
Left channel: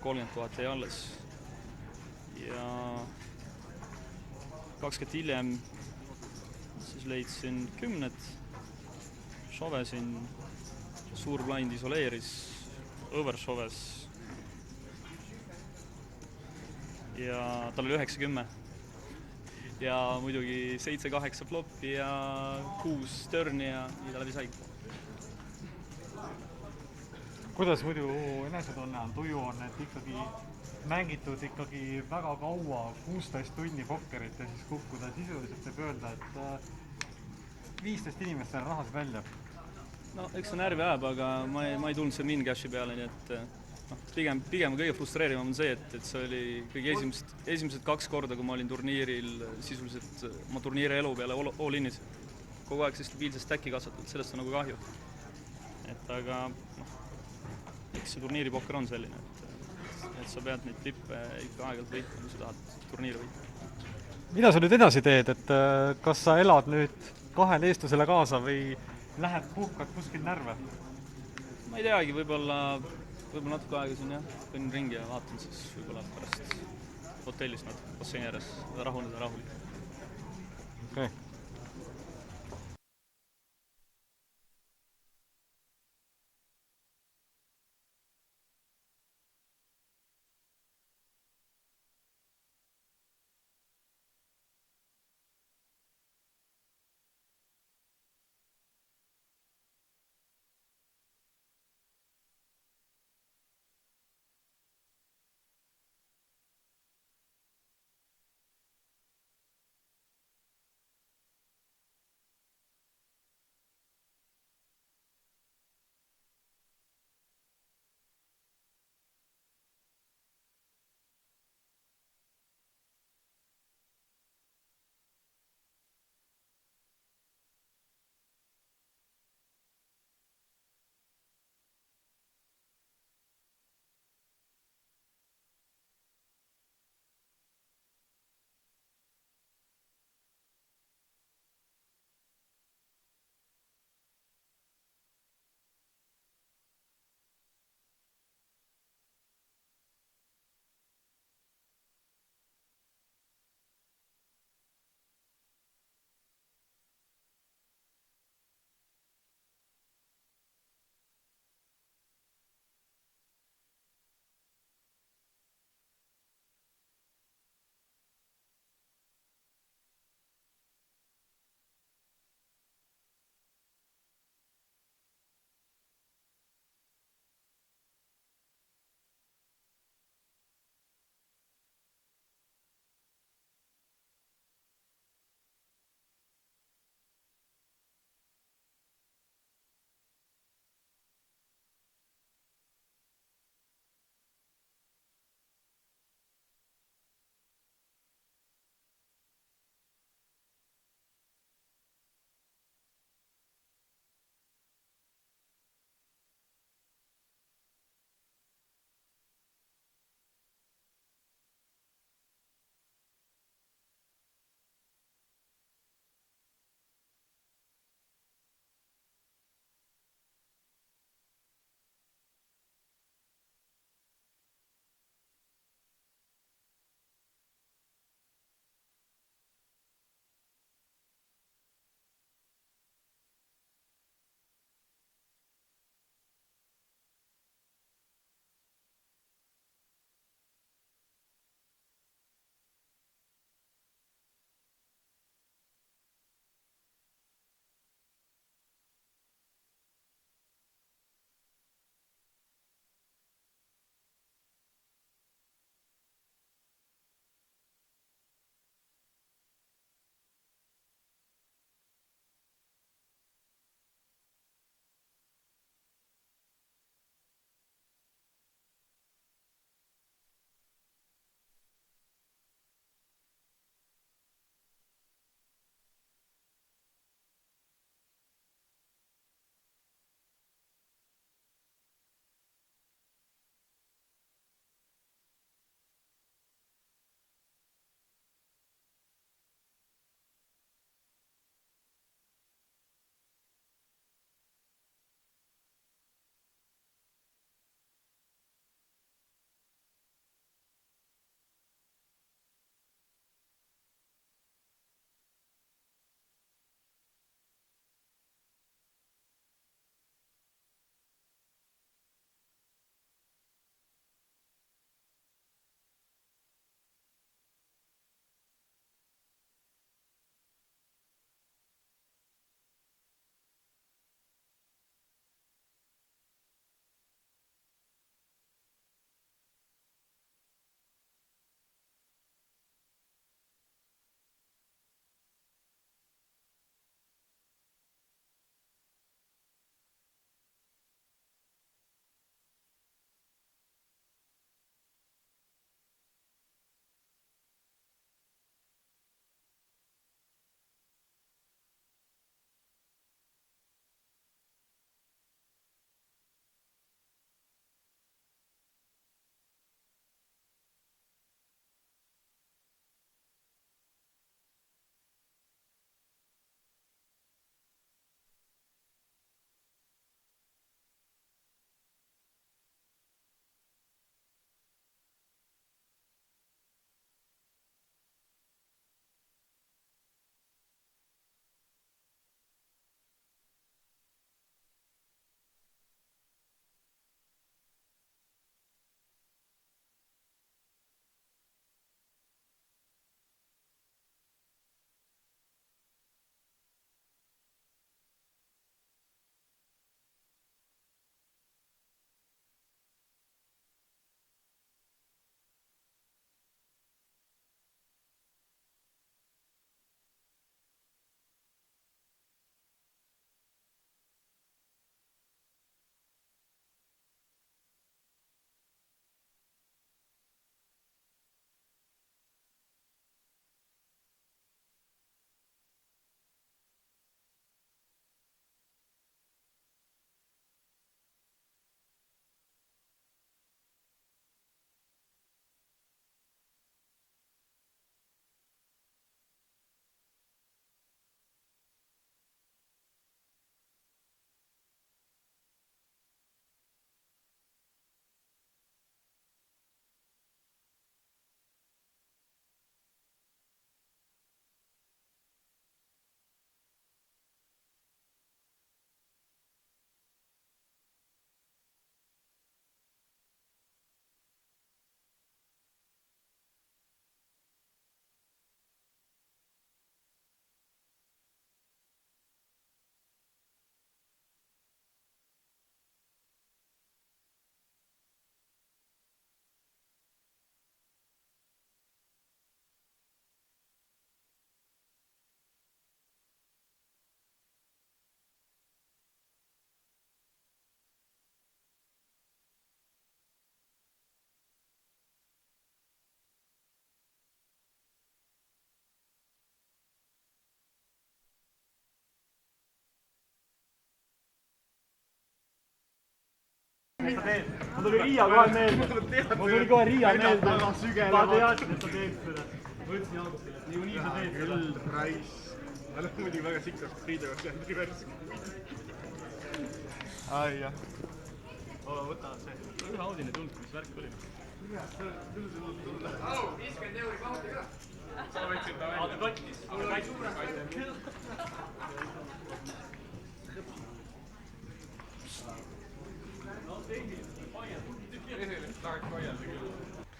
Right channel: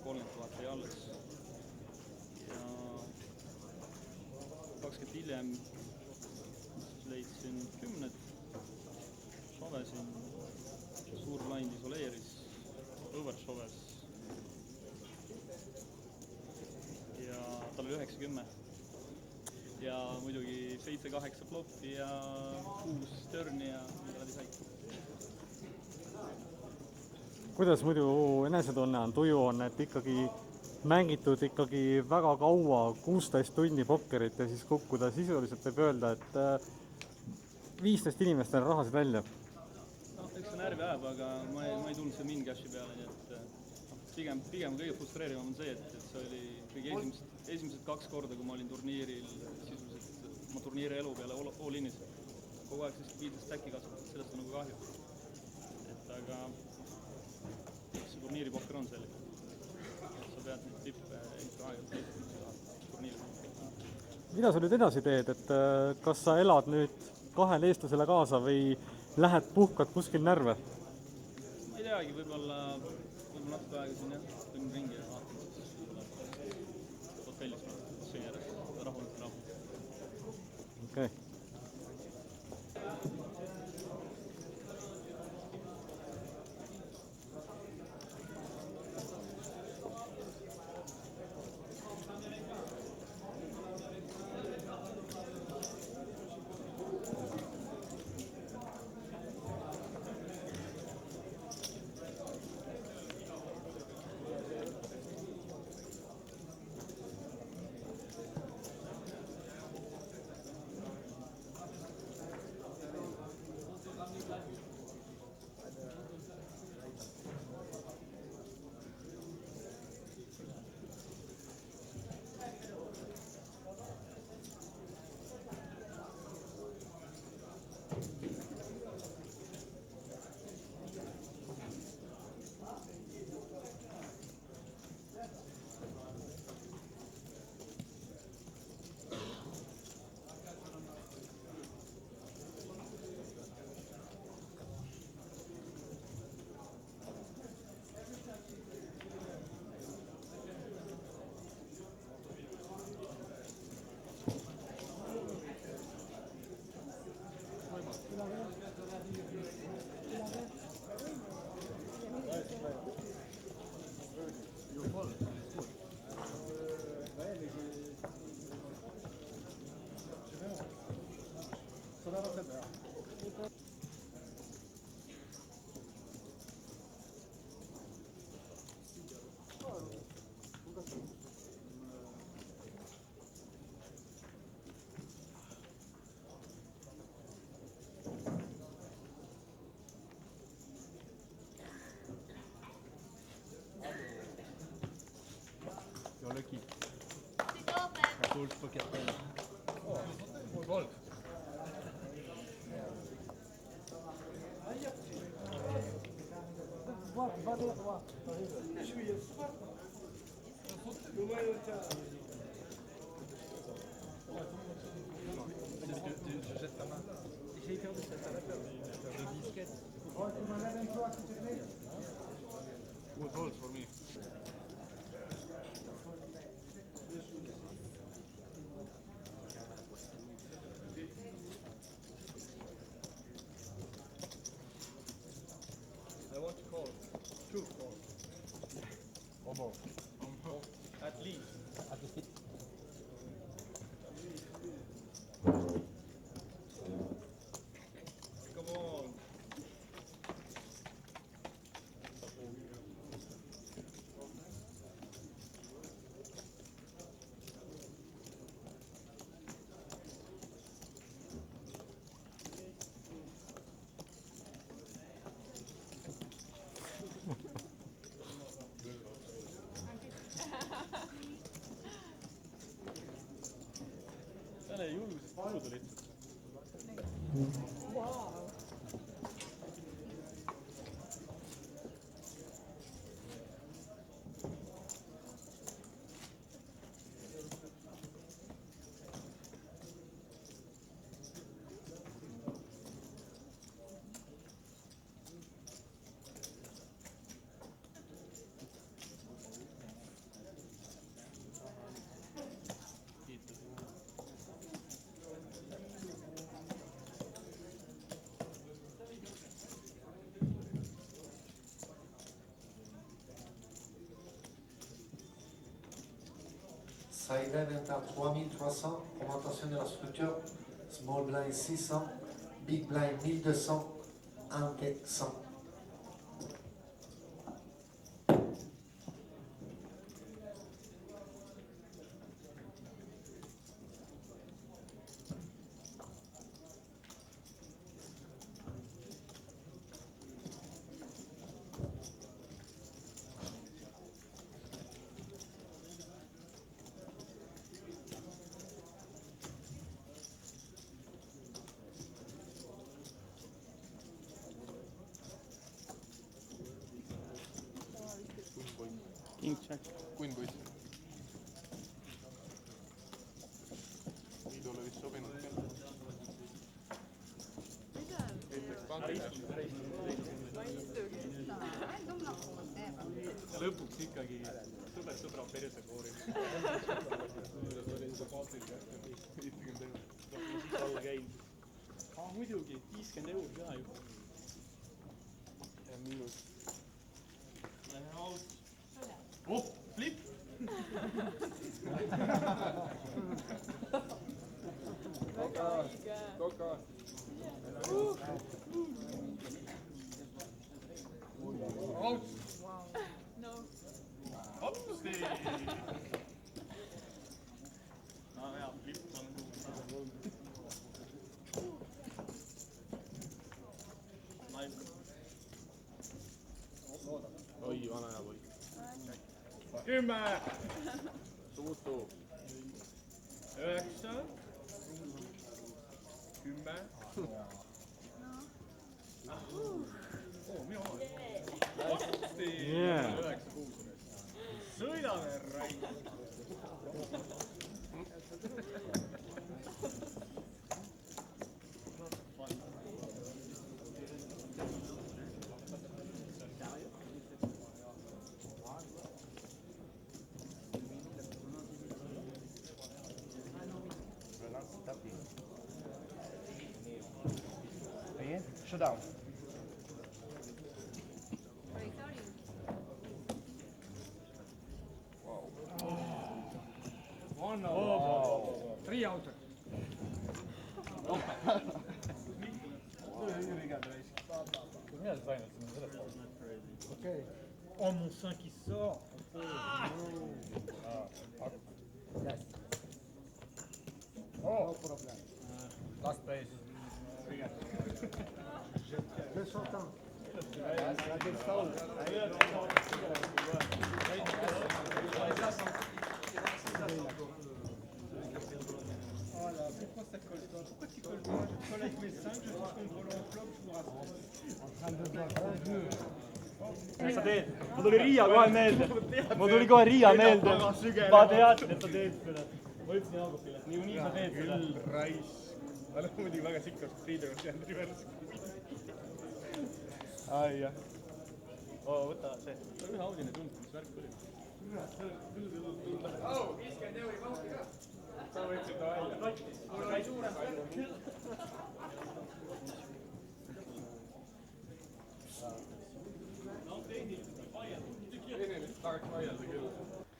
30 000 jäi alles. Ja 20 hiljem siis leidsin 10, šovesin, suur blind isoleeris, overšoves ja tal oli 9-10 ja muidugi 7-8 flopi ja 6 turni ja mida läbi sai. Kuidas muidu enesetunne on, tuju on, et ikkagi mängitud ikkagi väga kaua, 16 tundi pokkerit ja siis kukkuda sisuliselt võib öelda, et 15 inimestele rahasid välja? No, eks see närvi ajab, aga ma ei tulnud see min-cashi peale, nii et pigem kõige frustreerivam on see, et see oli kõige esimesed 2 korda, kui ma olin turniiril sisuliselt oma turniiri elu peale all-innis. Kogu aeg see stabiilse stacki kasvatanud, sellest on nagu kahju. Et aga see turniiripokker on selline, et sa pead neid tippe ikka aegalt võitma, kui sa tahad turniiri võita. Mida sa nüüd edasi teed, et kas sa elad nüüd 2 eestlasele kaasa või lähed puhkad kuskil närve? Ma ei teagi, võib-olla natuke aega siin jah, kõnnin ringi ja vaatan siis võib-olla pärast hotellis natuke basseini ääres, rahuneda rahulikult. Okei. jette ta main. J'ai perdu cette affaire de disquette. Good balls for me. I want to call. Two calls. One more. At least. Come on. Täna julgusest puudu lihtsalt. Side event à 3300, augmentation de la structure, small blind 600, big blind 1200, ante 100. King check. Queen poiss. Liidule vist sobinud küll. Ütleks pankile. Lõpuks ikkagi sõbrad perse koorib. Kuidas oli seda pankil kähkem? 50 €. Siit alla käinud. Muidugi, 50 € ka juba. Ja miinus. Oh, flip! Koka. Out! No. Hopsti! No hea, flip on Oi, vana hea poiss. 10! Suutu. 9! 10! Minu oma. Hopsti! 9-6. Sõidame raid! Showdown. One out. Oh. 3 out. Ok. Oh, mon sein qui sort. Yes. Oh, no problem. Last place. Je s'entends. Voilà, pourquoi ça colle pas? Pourquoi tu colles pas? Je colle avec mes 5, je touche contre l'enveloppe, je vous rassure. En train de boire un jeu. Mul tuli Riia kohe meelde. Mul tuli kohe Riia meelde. Ta teadis, et sa teed seda. Ma ütlesin Augustile, et niikuinii sa teed seda. Raiss. Ta on muidugi väga sikas Priidega peale diversi. Ai jah. Võta see. Ühe Audini tundnud, mis värk oli. Au, 50 euri pausi ka. Sa võtsid ta välja. Kattis.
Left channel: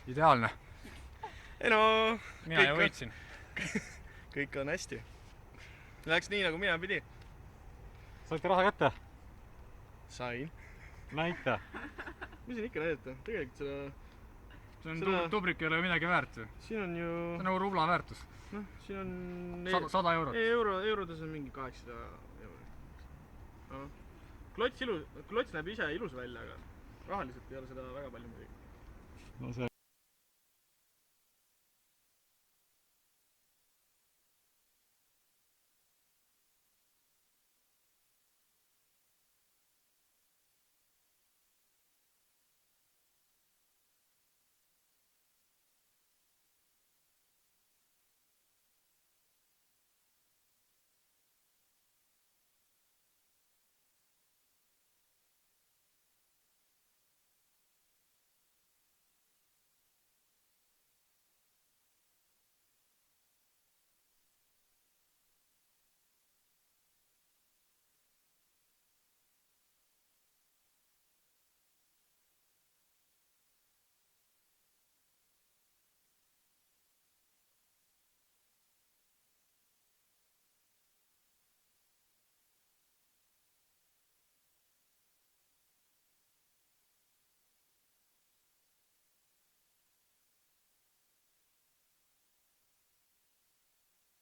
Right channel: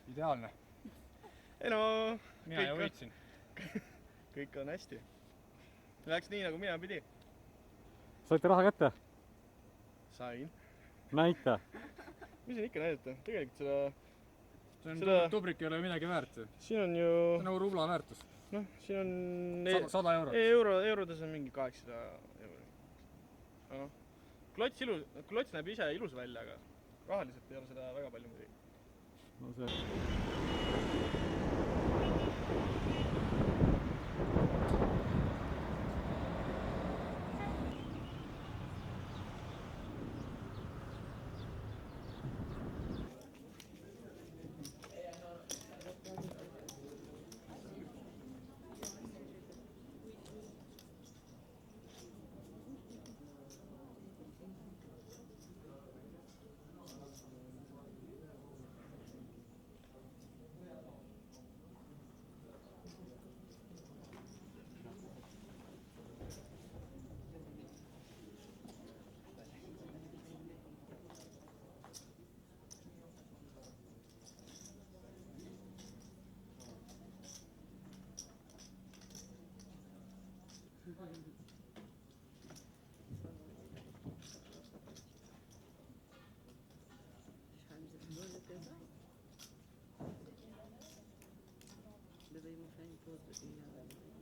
Ideaalne. Ei no... Mina ju võitsin. Kõik on hästi. Läks nii, nagu mina pidi. Saite raha kätte? Sain. Näita. Mis siin ikka näidata? Tegelikult seda... See on tubrik ei ole midagi väärt ju. Siin on ju... See on nagu rubla väärtus. Noh, siin on... 100 eurot. Eurodes on mingi 800 eurot. Klots näeb ise ilus välja, aga rahaliselt ei ole seda väga palju midagi. No see... Ils m'ont fait une pause de 1 heure.